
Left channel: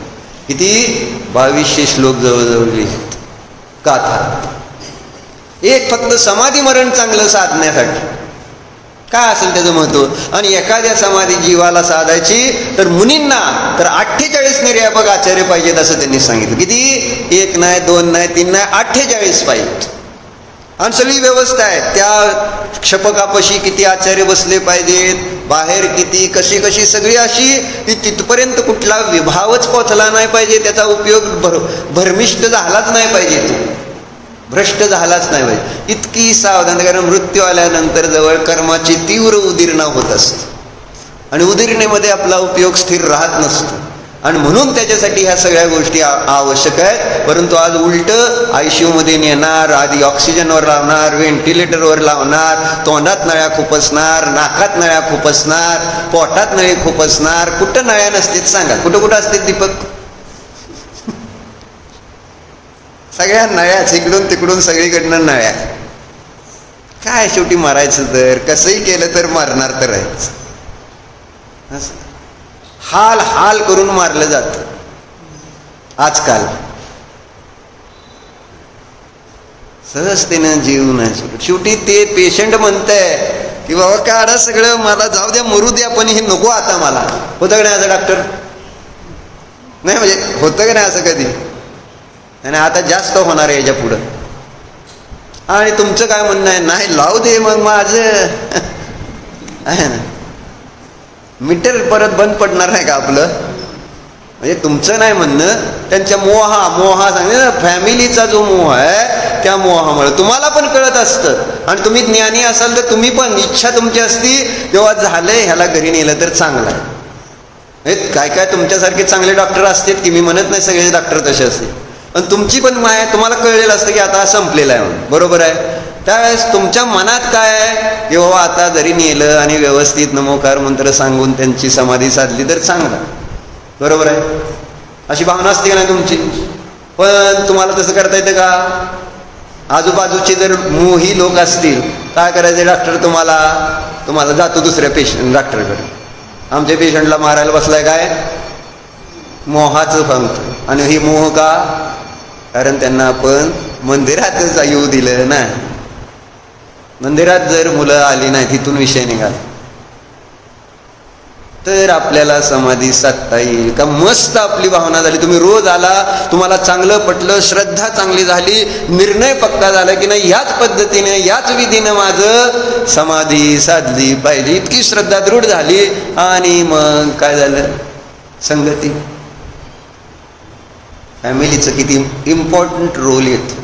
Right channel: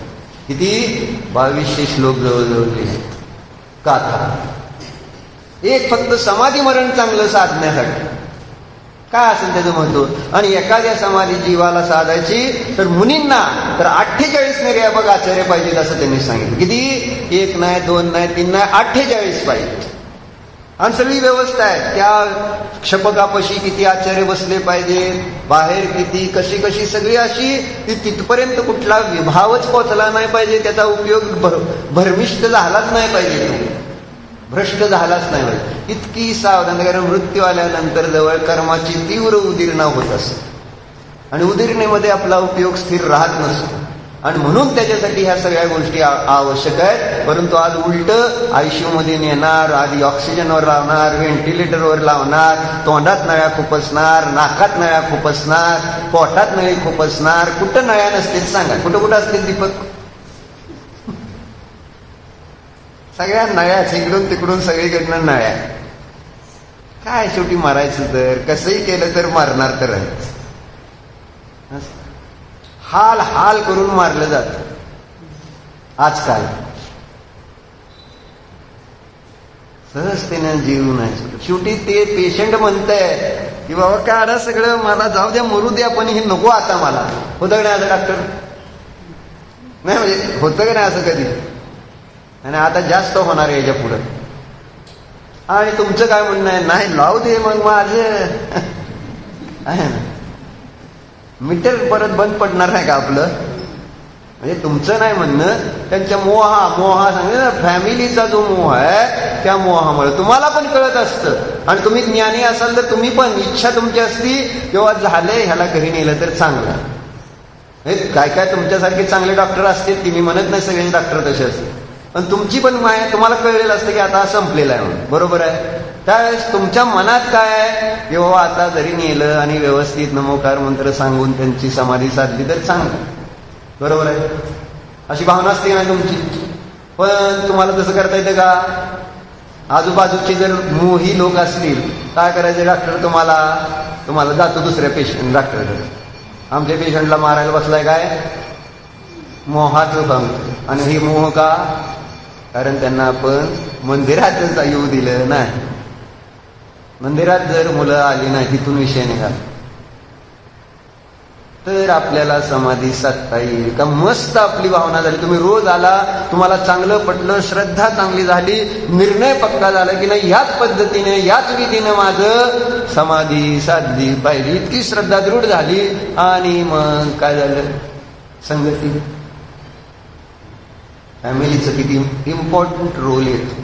किती 2200 श्लोक जवळजवळ लिहिलेत. गाथा एक फक्त समाधी मरण चांगलं साधण्यासाठी. काय असेल त्याचं महत्व. आणि एखाद्या समाधी जीवाला साधायची तर मुनींना तर 48 निर्यापक आचार्य पाहिजेत असं त्यांनी सांगितलं. किती, 1 नाही 2 नाही 3 नाही 48 पाहिजेत. आणि सगळी व्यवस्था आहे. त्या क्षपकापशी किती आचार्य बसले पाहिजेत, बाहेर किती, कशी कशी सगळी अशी की तिथपर्यंत कुठला विभावच पोचला नाही पाहिजे, त्याचा उपयोग भरमिष्ट झालाच नाही पाहिजे, भ्रष्ट झालाच नाही पाहिजे. इतकी सावधान. कारण मृत्यू आल्यानंतर जवळ कर्माची तीव्र उदीरणा होत असते आणि उदीरणेमध्ये आपला उपयोग स्थिर राहत नसतो. आणि म्हणून त्याच्यासाठी ह्या सगळ्या गोष्टी आवश्यक आहेत. परंतु आज उलट ICU मध्ये नेणार, आधी ऑक्सिजनवर लावणार, व्हेंटिलेटरवर लावणार, तोंडात नळ्या खुपसणार, नाकात नळ्या खुपसणार, पोटात नळी खुपसणार. कुठं नळ्या नसतील सांगा, कुठं कुठं असतील दीपक? सगळ्या नळ्याच, इकडून तिकडून सगळीकडनं नळ्या. काय शेवटी मारायचं तर कसंही केलं तर मारणार तर आहेच. हाल हाल करून मारलं जात आजकाल. सहजतेनं जीव नाही. शेवटी ते पेशंट म्हणतंय की बाबा काढा सगळं, मला जाऊ द्या, मरू द्या, पण हे नको आता मला. होतं का नाही असं डॉक्टर? नाही म्हणजे होतं का नाही असं कधी? आणि आता जास्त होणार आहे याच्या पुढं. आणि तुमचं काय म्हणणं आहे? नाही लावू दे मग माझं आहे ना, मीटर परत बंद पडणार नाही का आपलं? म्हणजे तुमचं नाही म्हणणं, त्यांच्या मोहा सांगते ना, फॅमिलीचा जो मोह आहे त्या मोहामुळे तुम्हाला पण कळत असतं. आणि तुम्ही ज्ञानी असाल तर तुम्ही पण इच्छा तुमची असती तेव्हा झालंय ह्याला घरी नेलं तर चांगलं. काय काय तुमच्यासारखे चांगले डॉक्टर असतील की, मी म्हणत नाही सगळे डॉक्टर तसे असतील, पण तुमची पण माया तुम्हाला कळलेलं असतं की आता संपलेलं आहे म्हणून. बरोबर आहे. त्यावेळेस तुमच्या मनात काय आहे की हो आता जरी नेलं आणि व्यवस्थित नमोकार मंत्र सांगून त्यांची समाधी साधली तर चांगलं. बरोबर आहे. अशी भावना असते का नाही तुमची? पण तुम्हाला तसं करता येतं का? आजूबाजूचे जर मोही लोक असतील काय करायचे? डॉक्टर तुम्हाला जातो दुसऱ्या डॉक्टरकडे. आमच्या पेशंटला मारायला बसलाय काय? मोहाचं भावतो. आणि ही मोह का? कारण त्यांना आपण मंदिरातच येऊ दिलं नाही. मंदिरात जर मुलं आली नाही, तिथून विषय निघाला तर आपल्याला समाधी साधता येईल का? मस्त आपली भावना झाली, तुम्ही रोज आला, तुम्हाला चांगलं पटलं, श्रद्धा चांगली झाली, निर्णय पक्का झाला की नाही याच पद्धतीने याच विधीनं माझं समाधी साधली पाहिजे, इतकी श्रद्धा दृढ झाली. आणि मग काय झालं? संगती. फॅमिलीचं किती इम्पॉर्टंट रोल येतो.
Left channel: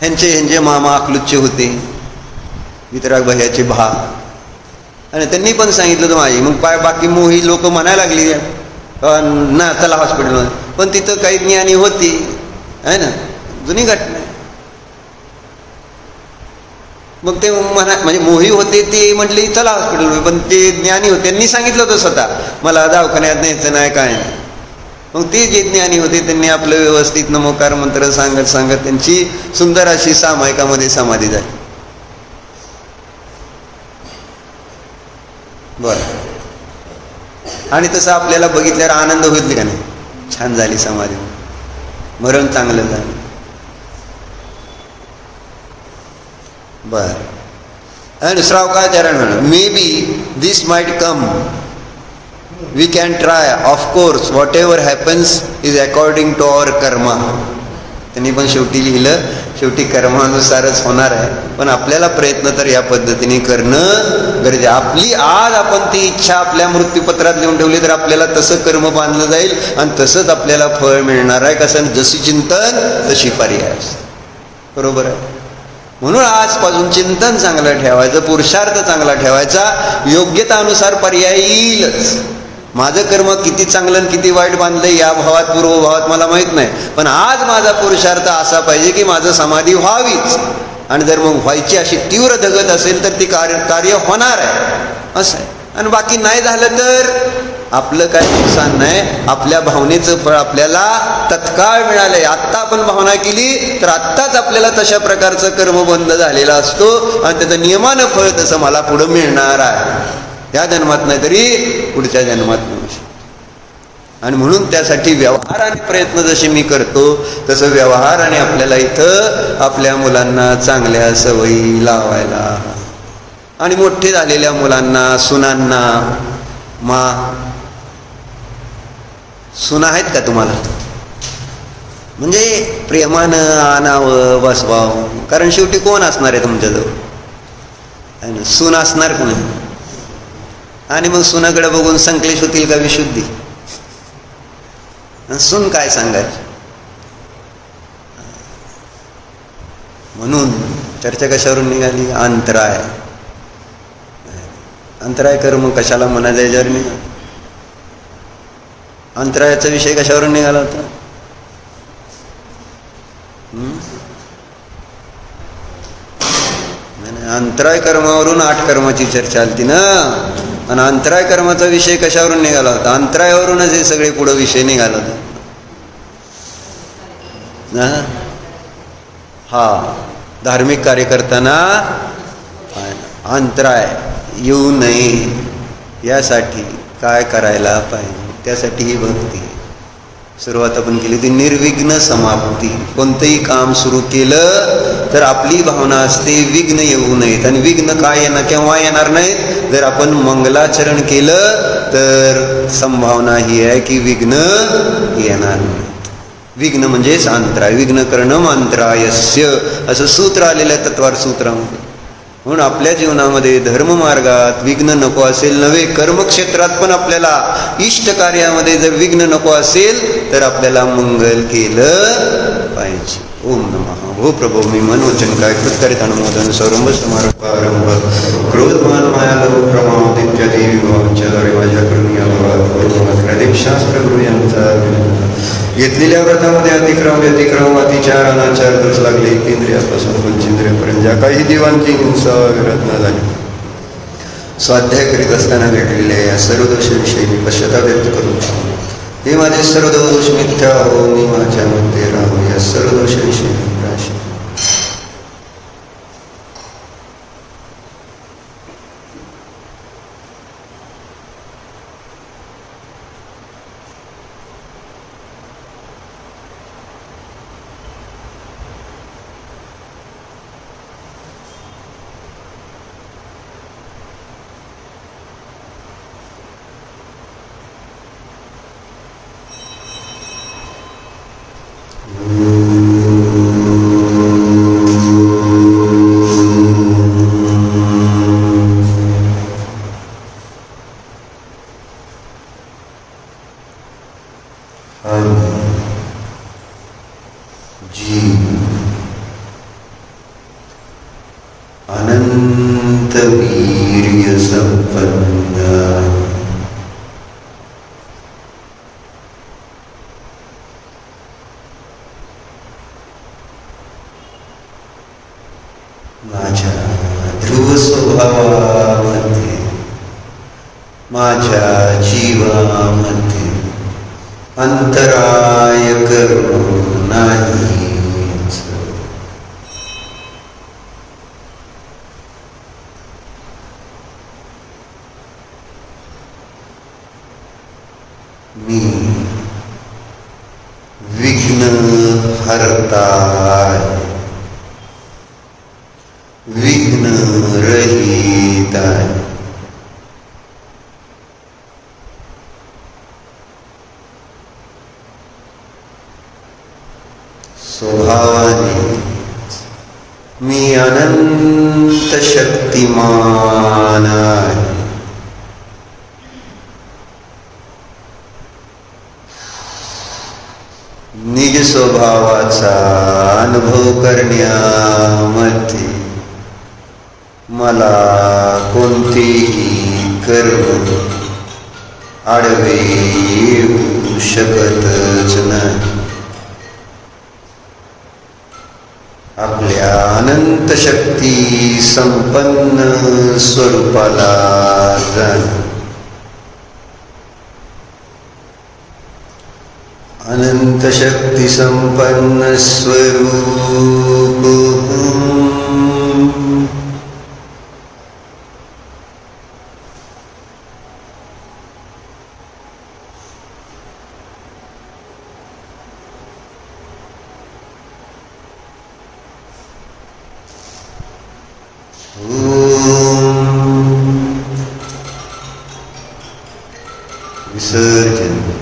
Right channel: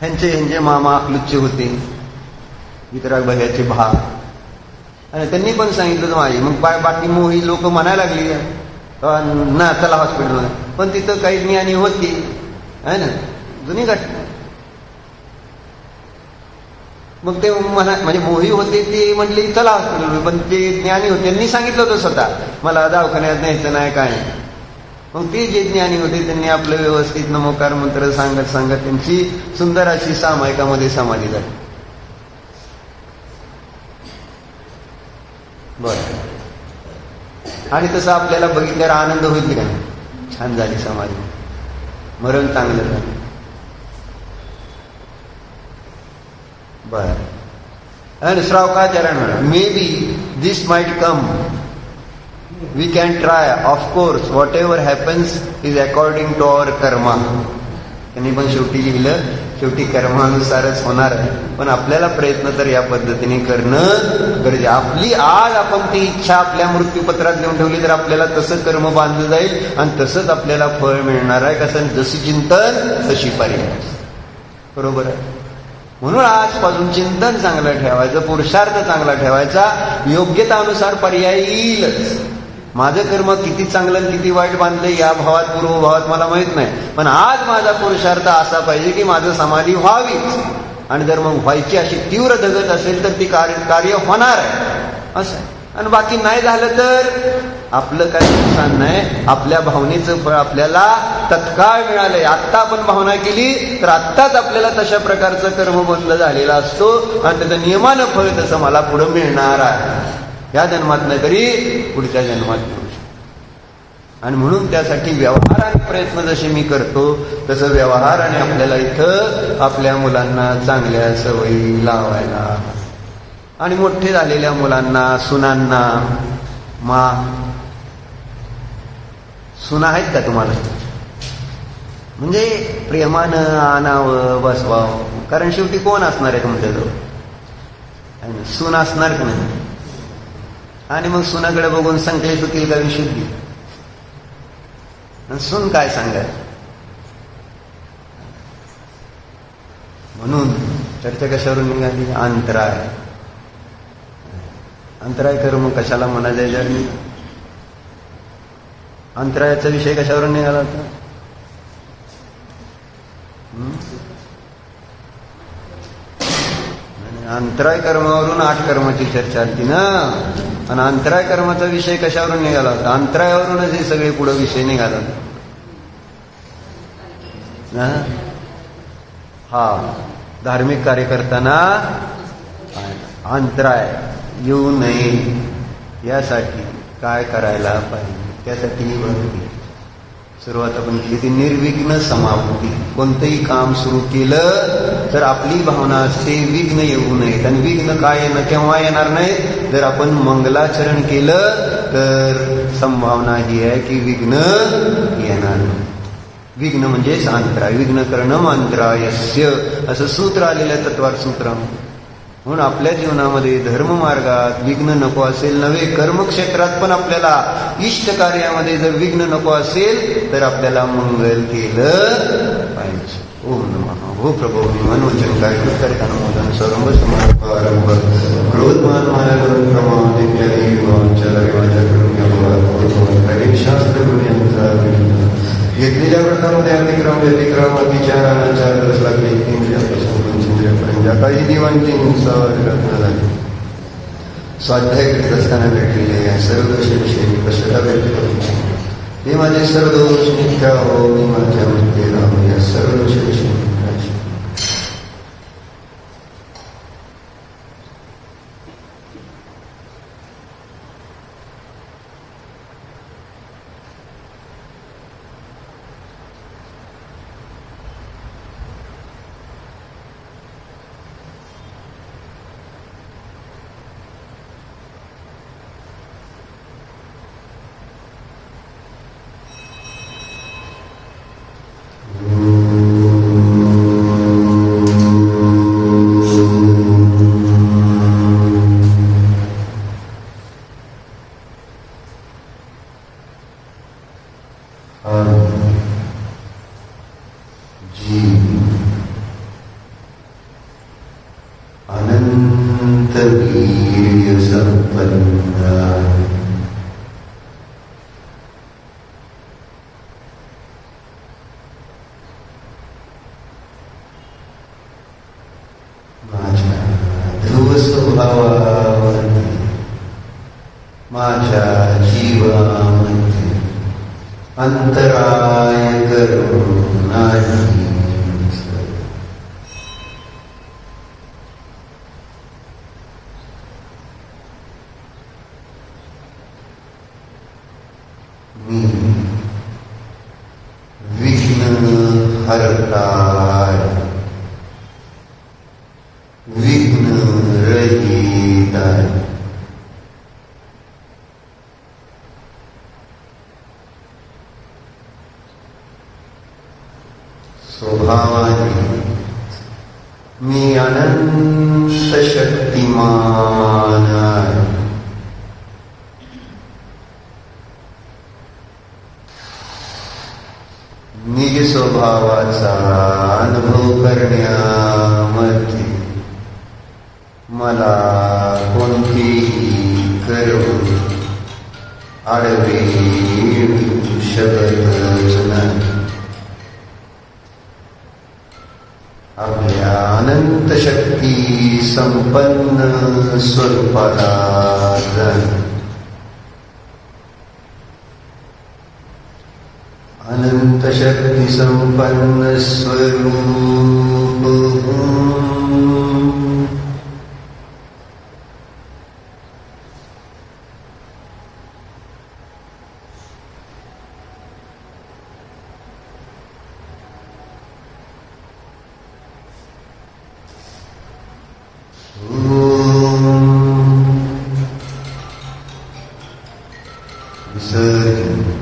ह्यांचे मामा अकलूजचे होते, वितराग भैयाचे भा, आणि त्यांनी पण सांगितलं होतं माझी. मग काय बाकी मोही लोक म्हणायला लागली ना चला हॉस्पिटलमध्ये, पण तिथं काही ज्ञानी होती आहे ना, जुनी घटना. मग ते म्हणजे मोही होते ते म्हटले चला हॉस्पिटलमध्ये, पण ते ज्ञानी होते, त्यांनी सांगितलं होतं स्वतः मला दवाखान्यात न्यायचं नाही काय. मग ते जे ज्ञानी होते त्यांनी आपलं व्यवस्थित नमोकार मंत्र सांगत सांगत त्यांची सुंदर अशी सामायिकामध्ये समाधी झाली. बरं. आणि तसं आपल्याला बघितल्यावर आनंद होईल का नाही? छान झाली समाधी, मरण चांगलं झालं. बर. आणि श्रावकाचार्य may be this might come, we can try, of course whatever happens is according to our karma. त्यांनी पण शेवटी लिहिलं, शेवटी कर्मानुसारच होणार आहे, पण आपल्याला प्रयत्न तर या पद्धतीने करणं गरजेचं. आपली आज आपण ती इच्छा आपल्या मृत्यूपत्रात लिहून ठेवली तर आपल्याला तसं कर्म बांधलं जाईल आणि तसंच आपल्याला फळ मिळणार आहे. कसं, जशी चिंतन तशी पर्याय. बरोबर आहे. म्हणून आजपासून चिंतन चांगलं ठेवायचं, पुरुषार्थ चांगला ठेवायचा, योग्यतानुसार पर्याय येईलच. माझं कर्म किती चांगलं आणि किती वाईट बांधलंय या भावात पूर्वभावात मला माहित नाही, पण आज माझा पुरुषार्थ असा पाहिजे की माझं समाधी व्हावीच. आणि जर मग व्हायची अशी तीव्र धगत असेल तर ती कार्य होणार आहे असं आहे. आणि बाकी नाही झालं तर आपलं काही नुकसान नाही, आपल्या भावनेचं फळ आपल्याला तत्काळ मिळालंय. आत्ता आपण भावना केली तर आत्ताच आपल्याला तशा प्रकारचं कर्म बंद झालेला असतो आणि त्याचं नियमानं फळ तसं मला पुढं मिळणार आहे. या जन्मात नाही तरी पुढच्या जन्मात मिळू शकतो. आणि म्हणून त्यासाठी व्यवहाराने प्रयत्न जसे मी करतो तसं व्यवहाराने आपल्याला इथं आपल्या मुलांना चांगल्या सवयी लावायला, आणि मोठे झालेल्या मुलांना, सुनांना, सुना आहेत का तुम्हाला? म्हणजे प्रेमानं आणावं, बसवावं. कारण शेवटी कोण असणार आहे तुमच्याजवळ? सून असणार का नाही? आणि मग सुनाकडे बघून संकलेश होतील का विशुद्धी? सून काय सांगायचं? म्हणून चर्चा कशावरून निघाली? अंतराय. अंतराय कर्म कशाला म्हणायचं याच्यावर नाही. अंतरायाचा विषय कशावरून निघाला होता? अंतराय कर्मावरून 8 कर्माची चर्चा आली ना. आणि अंतराय कर्माचा विषय कशावरून निघाला होता? अंतरायावरूनच हे सगळे पुढे विषय निघाला होता. हा, धार्मिक कार्य करताना अंतराय येऊ नये यासाठी काय करायला पाहिजे? त्यासाठी ही भक्ती. सुरुवात आपण केली ती निर्विघ्न समाप्ती. कोणतंही काम सुरू केलं तर आपली भावना असते विघ्न येऊ नयेत. आणि विघ्न काय येणार, केव्हा येणार नाहीत? जर आपण मंगलाचरण केलं तर संभावना ही आहे की विघ्न येणार नाही. विघ्न म्हणजेच अंतराय. विघ्न करणं अंतरायस्य असं सूत्र आलेलं तत्वार सूत्रामध्ये. म्हणून आपल्या जीवनामध्ये धर्ममार्गात विघ्न नको असेल, नव्हे कर्मक्षेत्रात पण आपल्याला इष्ट कार्यामध्ये जर विघ्न नको असेल तर आपल्याला मंगल केलं पाहिजे. ओम नमः. हो प्रभो मी मनोवचन काय कृतकरित अनुमोदन सर्व समारंभ क्रोधमान माया लोभ प्रमाद इत्यादी विभागांच्या माझ्या करून याला शास्त्र यांचा घेतलेल्या व्रतामध्ये अतिक्रम अतिचार अनाचार दोष लागले इंद्रियापासून पंचेंद्रियापर्यंत ज्या काही देवांची हिंसा विरत न झाली, स्वाध्याय करीत असताना घडलेल्या या सर्व दोषांविषयी पश्चाताप व्यक्त करून हे माझे सर्व दोष मिथ्या हो, मी माझ्या मध्ये राहू. या सर्व दोषांविषयी माझ्या जीवामध्ये अंतराय करू नाही. मी विघ्न हरताय, विघ्न रहित स्वभावाने मी अनंत शक्तिमान आहे. निज स्वभावाचा अनुभव करण्यामध्ये मला कोणतेही कर्म आडवे येऊ शकतच नाही. आपल्या अनंत शक्ती संपन्न स्वरूपाला जाण. अनंत शक्ति संपन्न स्वरूप विसर्जन.